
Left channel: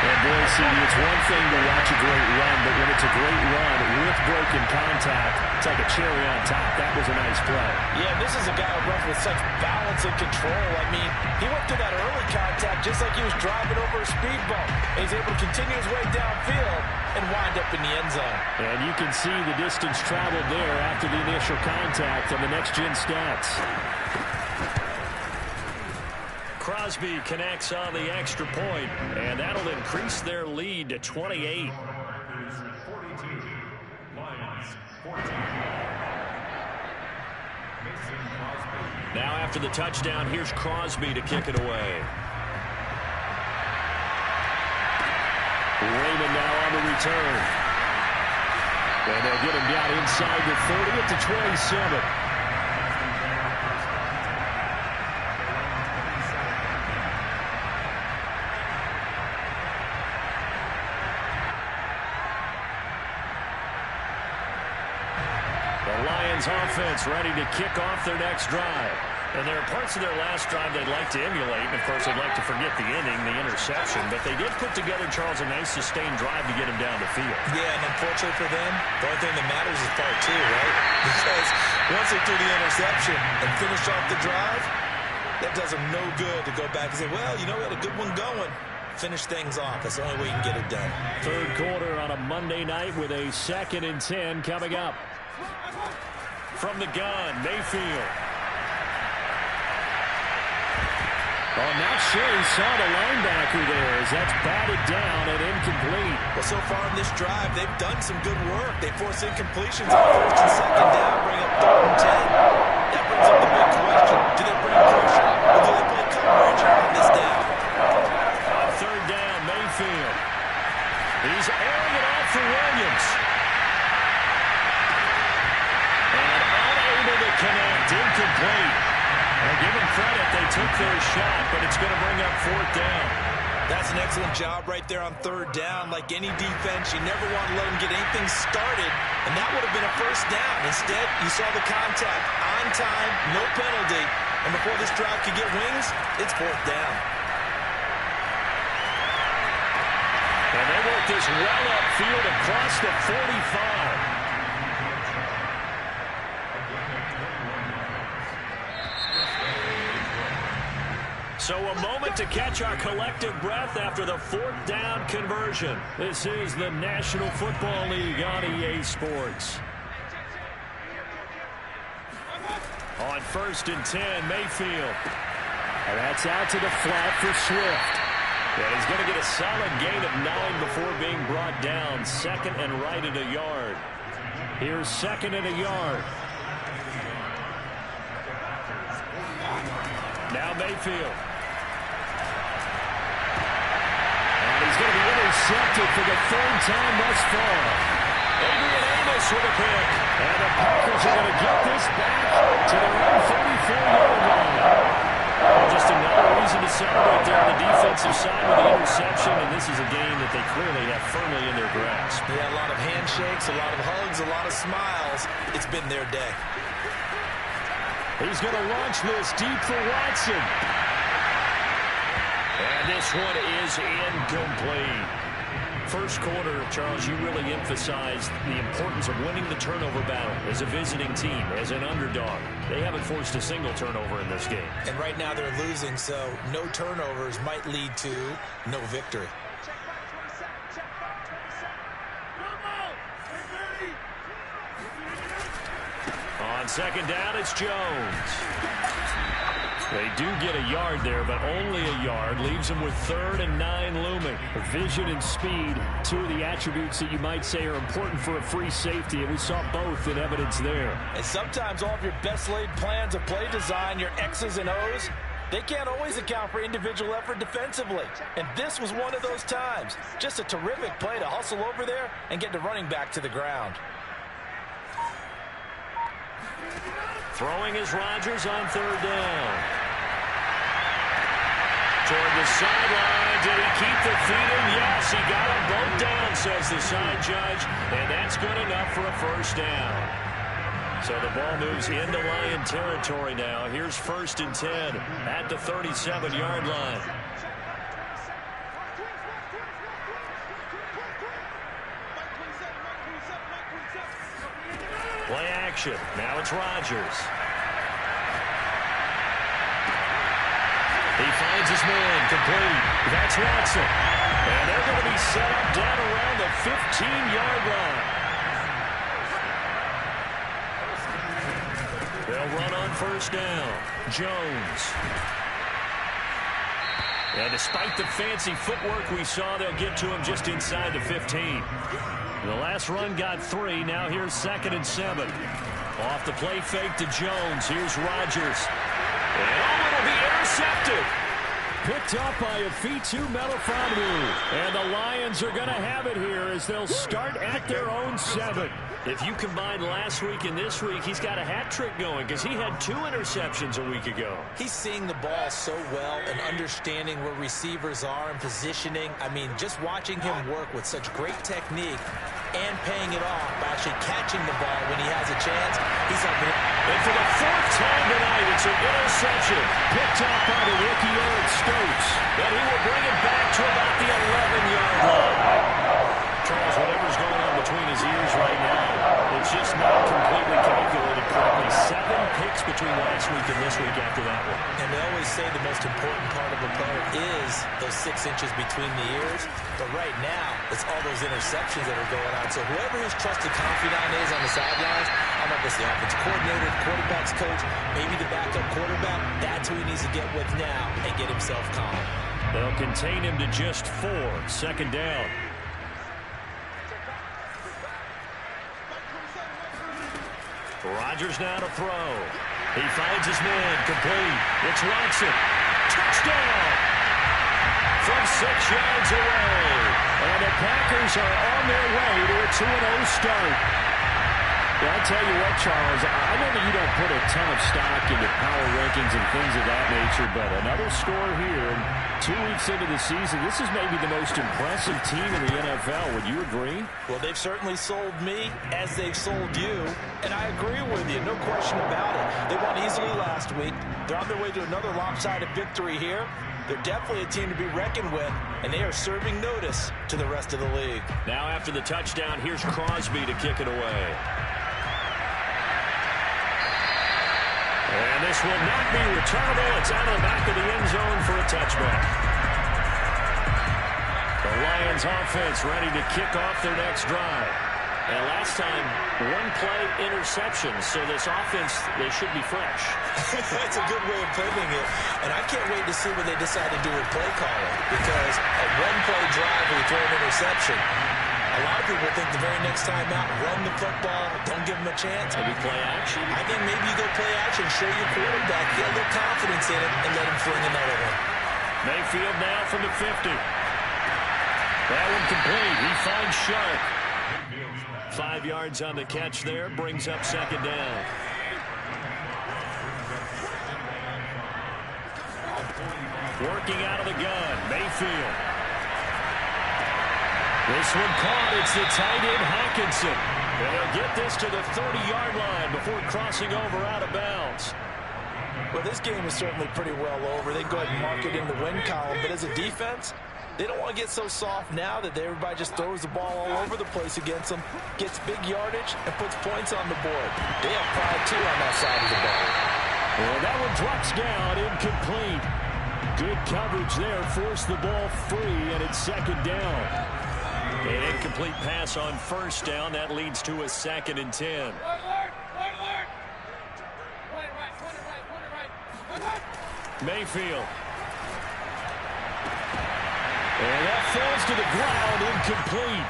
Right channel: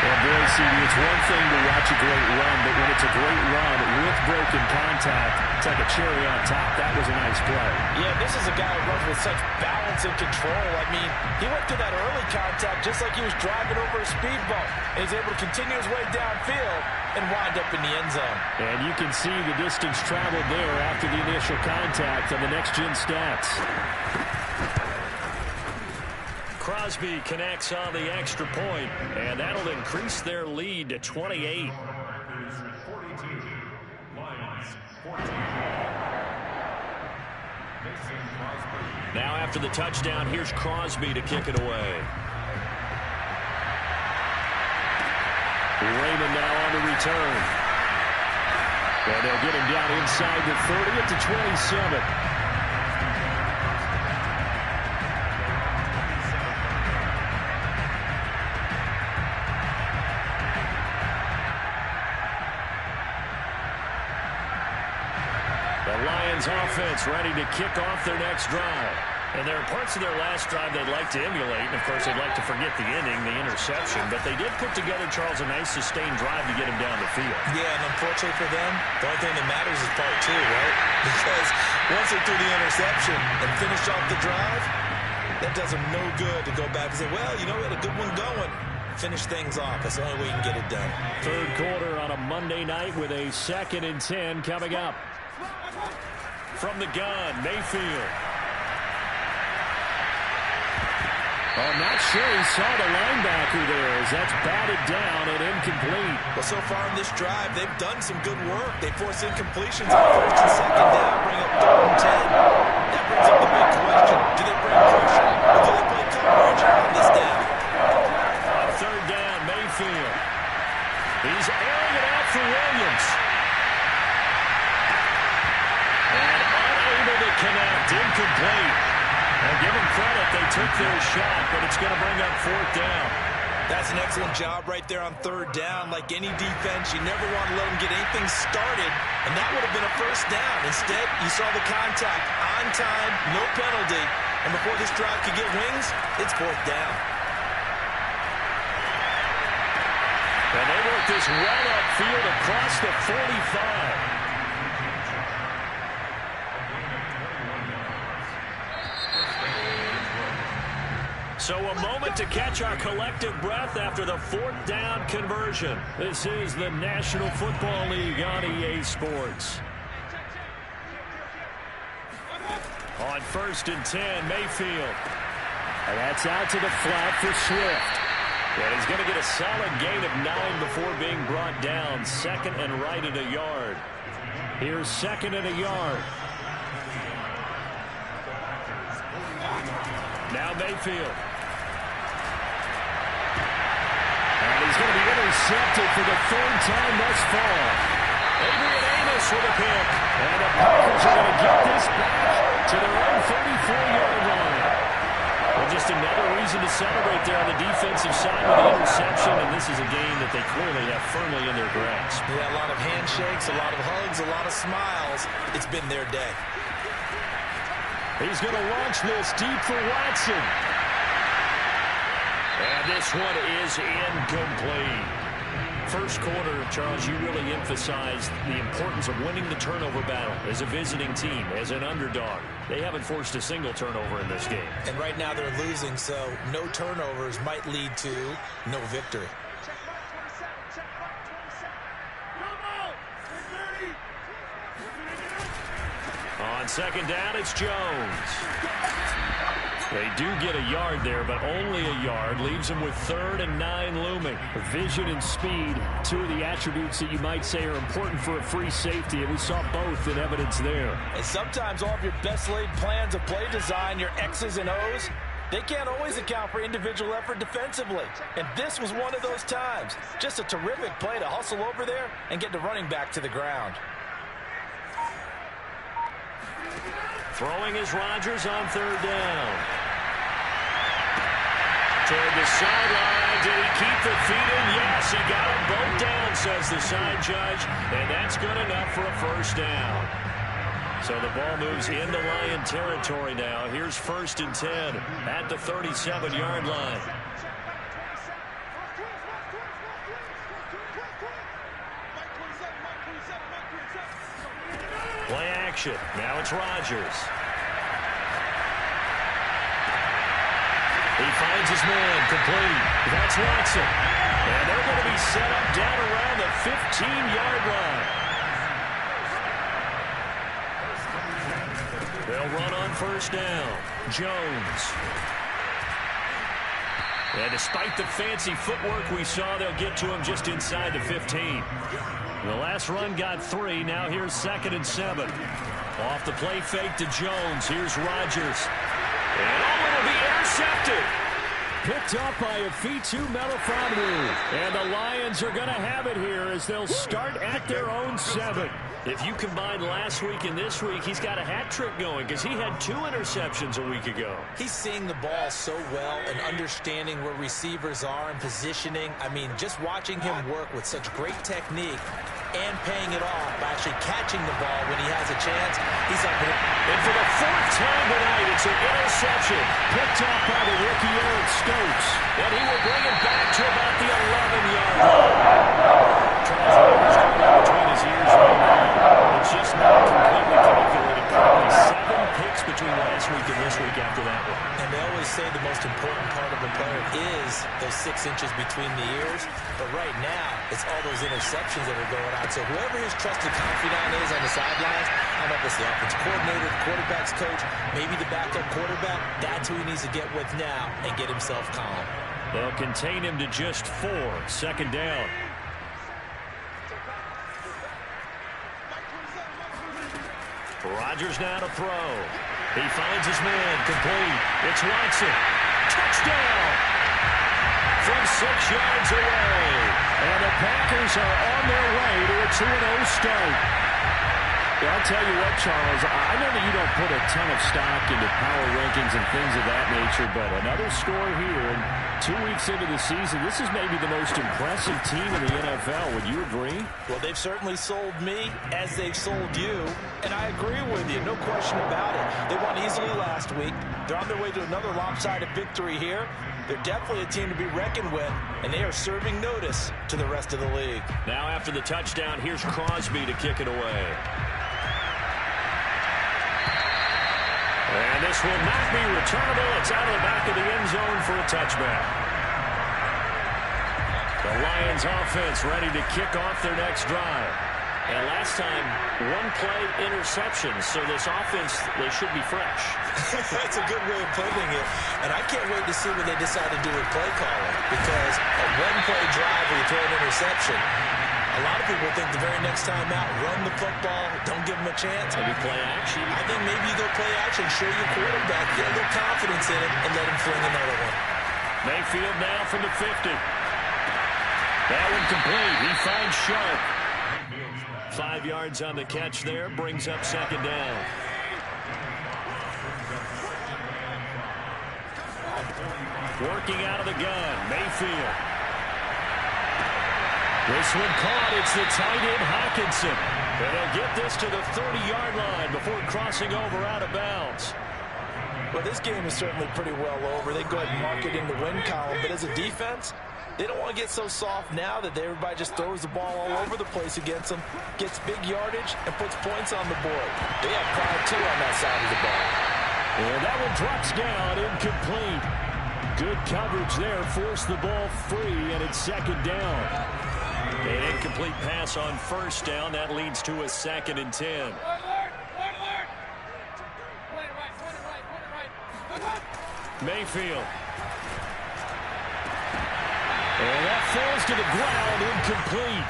And boy, CD, it's one thing to watch a great run, but when it's a great run with broken contact, it's like a cherry on top. That was a nice play. Yeah, this is a guy who runs with such balance and control. I mean, he went through that early contact just like he was driving over a speed bump. And he's able to continue his way downfield and wind up in the end zone. And you can see the distance traveled there after the initial contact on the next-gen stats. Crosby connects on the extra point, and that'll increase their lead to 28. Now after the touchdown, here's Crosby to kick it away. Raymond now on the return. And they'll get him down inside the 30 at the 27. The Lions offense ready to kick off their next drive. And there are parts of their last drive they'd like to emulate. And, of course, they'd like to forget the ending, the interception. But they did put together, Charles, a nice sustained drive to get him down the field. Yeah, and unfortunately for them, the only thing that matters is part 2, right? Because once they threw the interception and finished off the drive, that does them no good to go back and say, well, you know, we had a good one going. Finish things off. That's the only way you can get it done. Third quarter on a Monday night with a 2nd and 10 coming up. From the gun, Mayfield. Oh, not sure he saw the linebacker there as that's batted down and incomplete. Well, so far in this drive, they've done some good work. They force incompletions on 1st and 2nd down, bring up 3rd and 10. That brings up the big question. Do they bring pressure or do they play coverage on this down? On 3rd down, Mayfield. He's airing it out for Williams. And unable to connect, incomplete. Now give them credit, they took their shot, but it's going to bring up 4th down. That's an excellent job right there on 3rd down. Like any defense, you never want to let them get anything started, and that would have been a 1st down. Instead, you saw the contact on time, no penalty, and before this drive could get wings, it's 4th down. And they work this well upfield across the 45. So a moment to catch our collective breath after the 4th down conversion. This is the National Football League on EA Sports. On 1st and 10, Mayfield. And that's out to the flat for Swift. And he's going to get a solid gain of 9 before being brought down. 2nd and right at a yard. Here's 2nd and a yard. Now Mayfield. And he's going to be intercepted for the third time thus far. Adrian Amos with a pick. And the Packers are going to get this back to their own 34-yard line. And just another reason to celebrate there on the defensive side with the interception. And this is a game that they clearly have firmly in their grasp. Yeah, a lot of handshakes, a lot of hugs, a lot of smiles. It's been their day. He's going to launch this deep for Watson. And this one is incomplete. First quarter, Charles, you really emphasized the importance of winning the turnover battle as a visiting team, as an underdog. They haven't forced a single turnover in this game. And right now they're losing, so no turnovers might lead to no victory. On second down, it's Jones. They do get a yard there, but only a yard. Leaves them with 3rd and 9 looming. Vision and speed, two of the attributes that you might say are important for a free safety, and we saw both in evidence there. And sometimes all of your best laid plans of play design, your X's and O's, they can't always account for individual effort defensively. And this was one of those times. Just a terrific play to hustle over there and get the running back to the ground. Throwing is Rodgers on 3rd down. Toward the sideline. Did he keep the feet in? Yes, he got them both down, says the side judge. And that's good enough for a first down. So the ball moves into Lion territory now. Here's 1st and 10 at the 37-yard line. Play action. Now it's Rodgers. He finds his man complete. That's Watson. And they're going to be set up down around the 15-yard line. They'll run on 1st down. Jones. And despite the fancy footwork we saw, they'll get to him just inside the 15. The last run got 3. Now here's 2nd and 7. Off the play fake to Jones. Here's Rodgers. And it'll be intercepted. Picked up by Afitu Melifonwu. And the Lions are going to have it here as they'll start at their own 7. If you combine last week and this week, he's got a hat trick going because he had 2 interceptions a week ago. He's seeing the ball so well and understanding where receivers are and positioning. I mean, just watching him work with such great technique and paying it off by actually catching the ball when he has a chance. He's up in it. And for the 4th time tonight, it's an interception picked up by the rookie Eric Stokes. And he will bring it back to about the 11-yard line. Charles, whatever's going on between his ears right now, it's just not completely calculated correctly. 7 picks between last week and this week after that one. And they always say the most important part of a player is those 6 inches between the ears. But right now, it's all those interceptions that are going on. So whoever his trusted confidant is on the sidelines, I don't know if it's the offense coordinator, the quarterback's coach, maybe the backup quarterback, that's who he needs to get with now and get himself calm. They'll contain him to just 4. 2nd down. Rodgers now to throw. He finds his man complete. It's Watson. Touchdown! From 6 yards away. And the Packers are on their way to a 2-0 start. Yeah, I'll tell you what, Charles, I know that you don't put a ton of stock into power rankings and things of that nature, but another score here, and 2 weeks into the season, this is maybe the most impressive team in the NFL. Would you agree? Well, they've certainly sold me as they've sold you, and I agree with you, no question about it. They won easily last week. They're on their way to another lopsided victory here. They're definitely a team to be reckoned with, and they are serving notice to the rest of the league. Now after the touchdown, here's Crosby to kick it away. And this will not be returnable. It's out of the back of the end zone for a touchback. The Lions offense ready to kick off their next drive. And last time, 1-play interception. So this offense, they should be fresh. That's a good way of putting it. And I can't wait to see what they decide to do with play calling. Because a 1-play drive where you throw an interception, A lot of people think the very next time out, run the football, don't give him a chance. Maybe play action. I think maybe you go play action, show your quarterback, get a little confidence in him, and let him fling another one. Mayfield now from the 50. That one complete. He finds Sharp. 5 yards on the catch there, brings up second down. Working out of the gun, Mayfield. This one caught. It's the tight end, Hockenson. And he'll get this to the 30-yard line before crossing over out of bounds. Well, this game is certainly pretty well over. They go ahead and mark it in the win column. But as a defense, they don't want to get so soft now that everybody just throws the ball all over the place against them, gets big yardage, and puts points on the board. They have pride, too, on that side of the ball. And that one drops down, incomplete. Good coverage there, forced the ball free, and it's second down. An incomplete pass on first down. That leads to a 2nd and 10. Mayfield. And that falls to the ground, incomplete.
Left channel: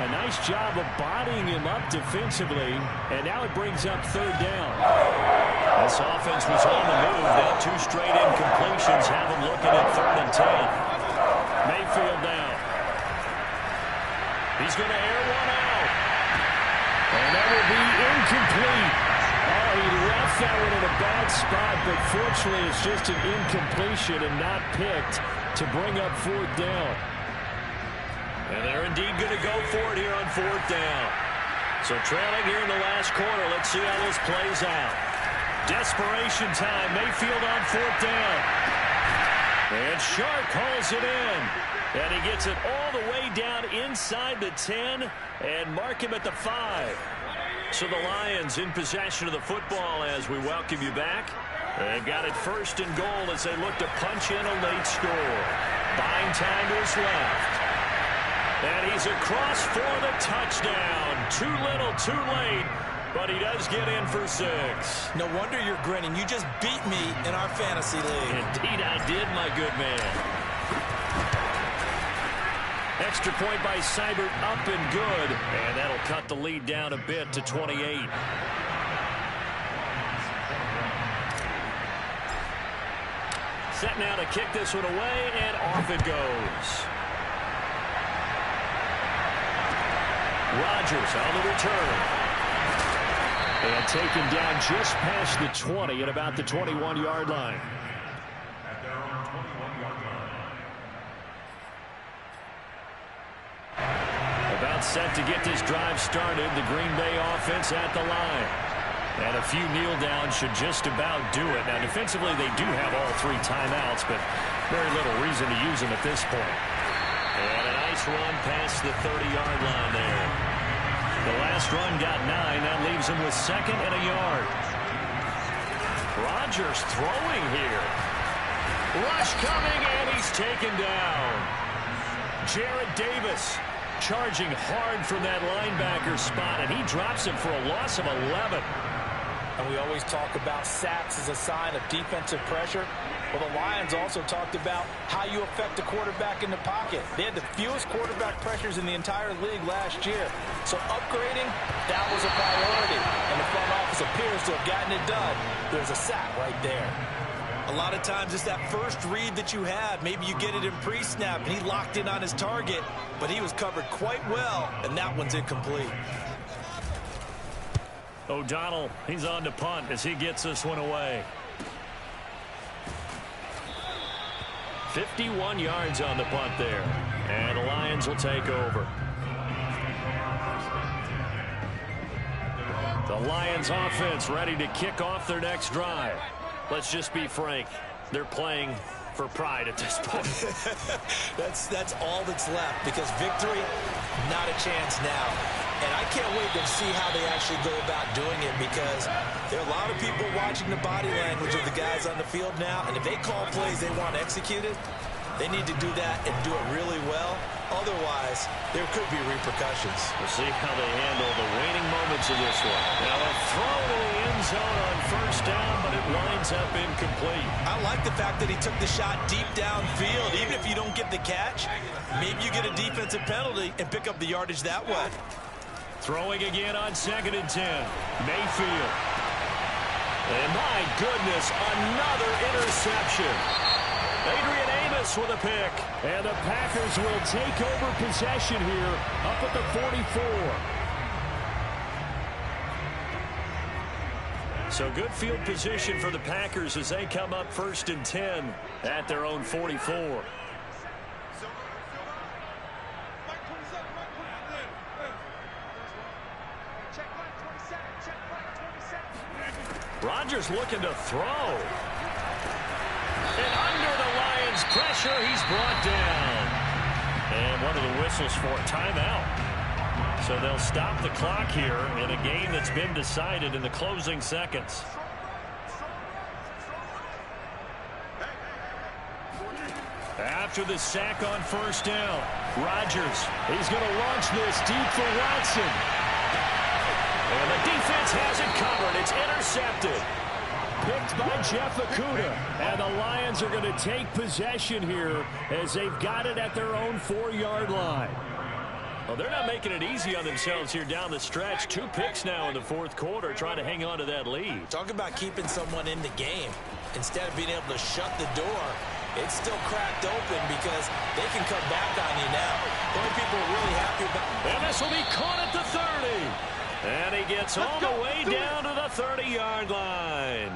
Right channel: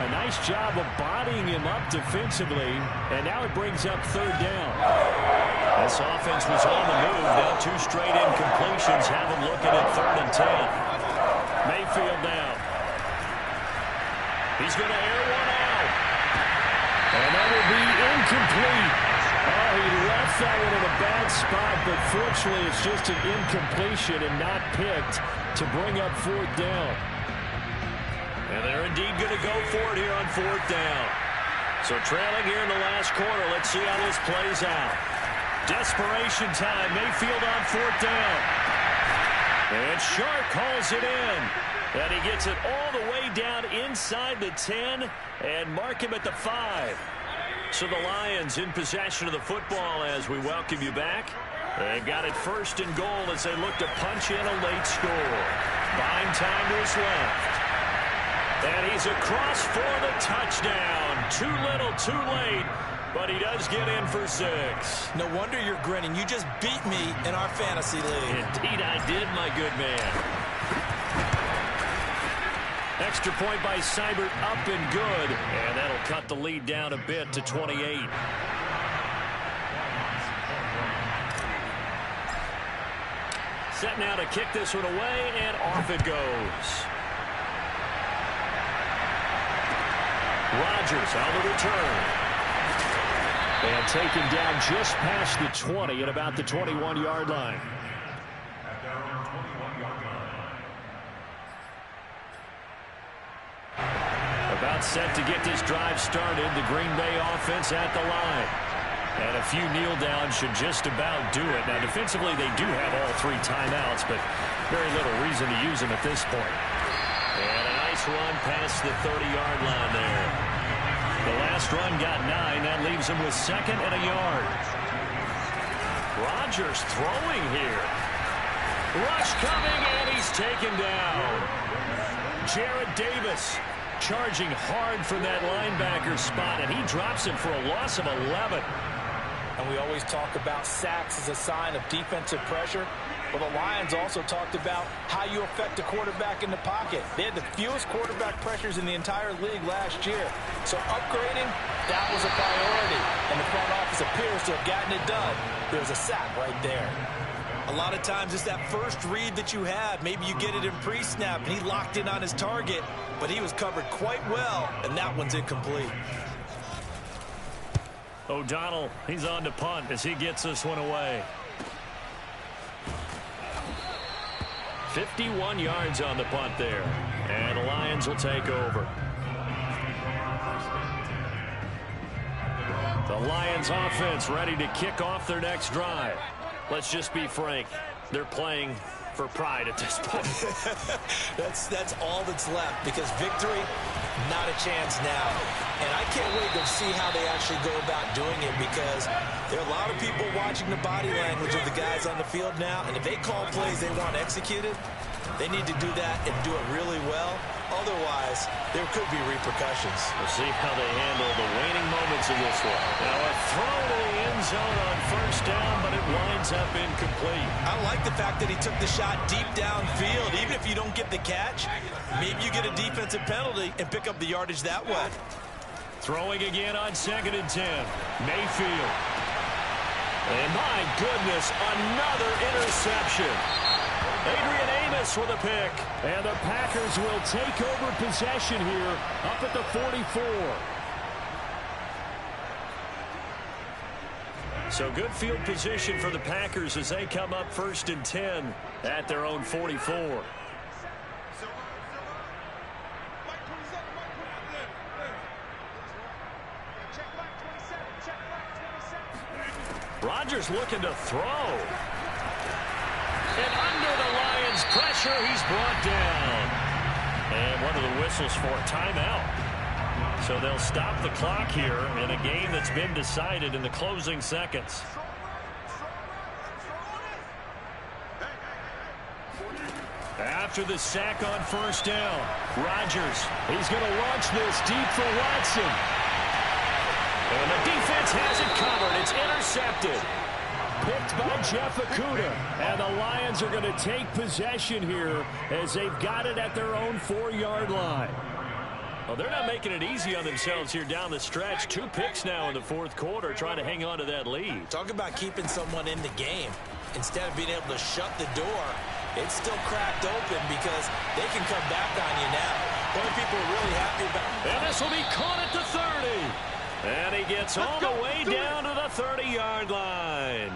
A nice job of bodying him up defensively, and now it brings up third down. This offense was on the move. Now 2 straight incompletions have them looking at 3rd and 10. Mayfield now. He's going to air one out. And that will be incomplete. Oh, he left that one in a bad spot, but fortunately it's just an incompletion and not picked to bring up 4th down. And they're indeed going to go for it here on 4th down. So trailing here in the last quarter. Let's see how this plays out. Desperation time. Mayfield on 4th down. And Sharp calls it in. And he gets it all the way down inside the 10 and mark him at the 5. So the Lions in possession of the football as we welcome you back. They've got it 1st and goal as they look to punch in a late score. Buying time to his left. And he's across for the touchdown. Too little, too late. But he does get in for 6. No wonder you're grinning. You just beat me in our fantasy league. Indeed I did, my good man. Extra point by Seibert, up and good. And that'll cut the lead down a bit to 28. Set now to kick this one away, and off it goes. Rodgers on the return. And taken down just past the 20 at about the 21-yard line. About set to get this drive started. The Green Bay offense at the line. And a few kneel downs should just about do it. Now, defensively, they do have all 3 timeouts, but very little reason to use them at this point. And a nice run past the 30-yard line there. The last run got 9. That leaves him with 2nd and a yard. Rodgers throwing here. Rush coming, and he's taken down. Jarrad Davis charging hard from that linebacker spot, and he drops him for a loss of 11. And we always talk about sacks as a sign of defensive pressure. Well, the Lions also talked about how you affect a quarterback in the pocket. They had the fewest quarterback pressures in the entire league last year. So upgrading, that was a priority. And the front office appears to have gotten it done. There's a sack right there. A lot of times it's that first read that you have. Maybe you get it in pre-snap, and he locked in on his target, but he was covered quite well, and that one's incomplete. O'Donnell, he's on to punt as he gets this one away. 51 yards on the punt there. And the Lions will take over. The Lions offense ready to kick off their next drive. Let's just be frank. They're playing for pride at this point. That's all that's left, because victory, not a chance now. And I can't wait to see how they actually go about doing it, because there are a lot of people watching the body language of the guys on the field now, and if they call plays they want executed, they need to do that and do it really well. Otherwise, there could be repercussions. We'll see how they handle the waning moments consequence of this one. Now a throw to the end zone on first down, but it winds up incomplete. I like the fact that he took the shot deep downfield. Even if you don't get the catch, maybe you get a defensive penalty and pick up the yardage that way. Throwing again on 2nd and 10. Mayfield. And my goodness, another interception. Adrian Amos with a pick. And the Packers will take over possession here up at the 44. So good field position for the Packers as they come up 1st and 10 at their own 44. Rodgers looking to throw. And under the Lions' pressure, he's brought down. And one of the whistles for a timeout. So they'll stop the clock here in a game that's been decided in the closing seconds. After the sack on first down, Rodgers, he's going to launch this deep for Watson. And the defense has it covered. It's intercepted. Picked by Jeff Okudah. And the Lions are going to take possession here as they've got it at their own 4-yard line. Well, they're not making it easy on themselves here down the stretch. 2 picks now in the 4th quarter trying to hang on to that lead. Talk about keeping someone in the game. Instead of being able to shut the door, it's still cracked open because they can come back on you now. The only people are really happy about... And this will be caught at the 30. And he gets all the way down to the 30-yard line.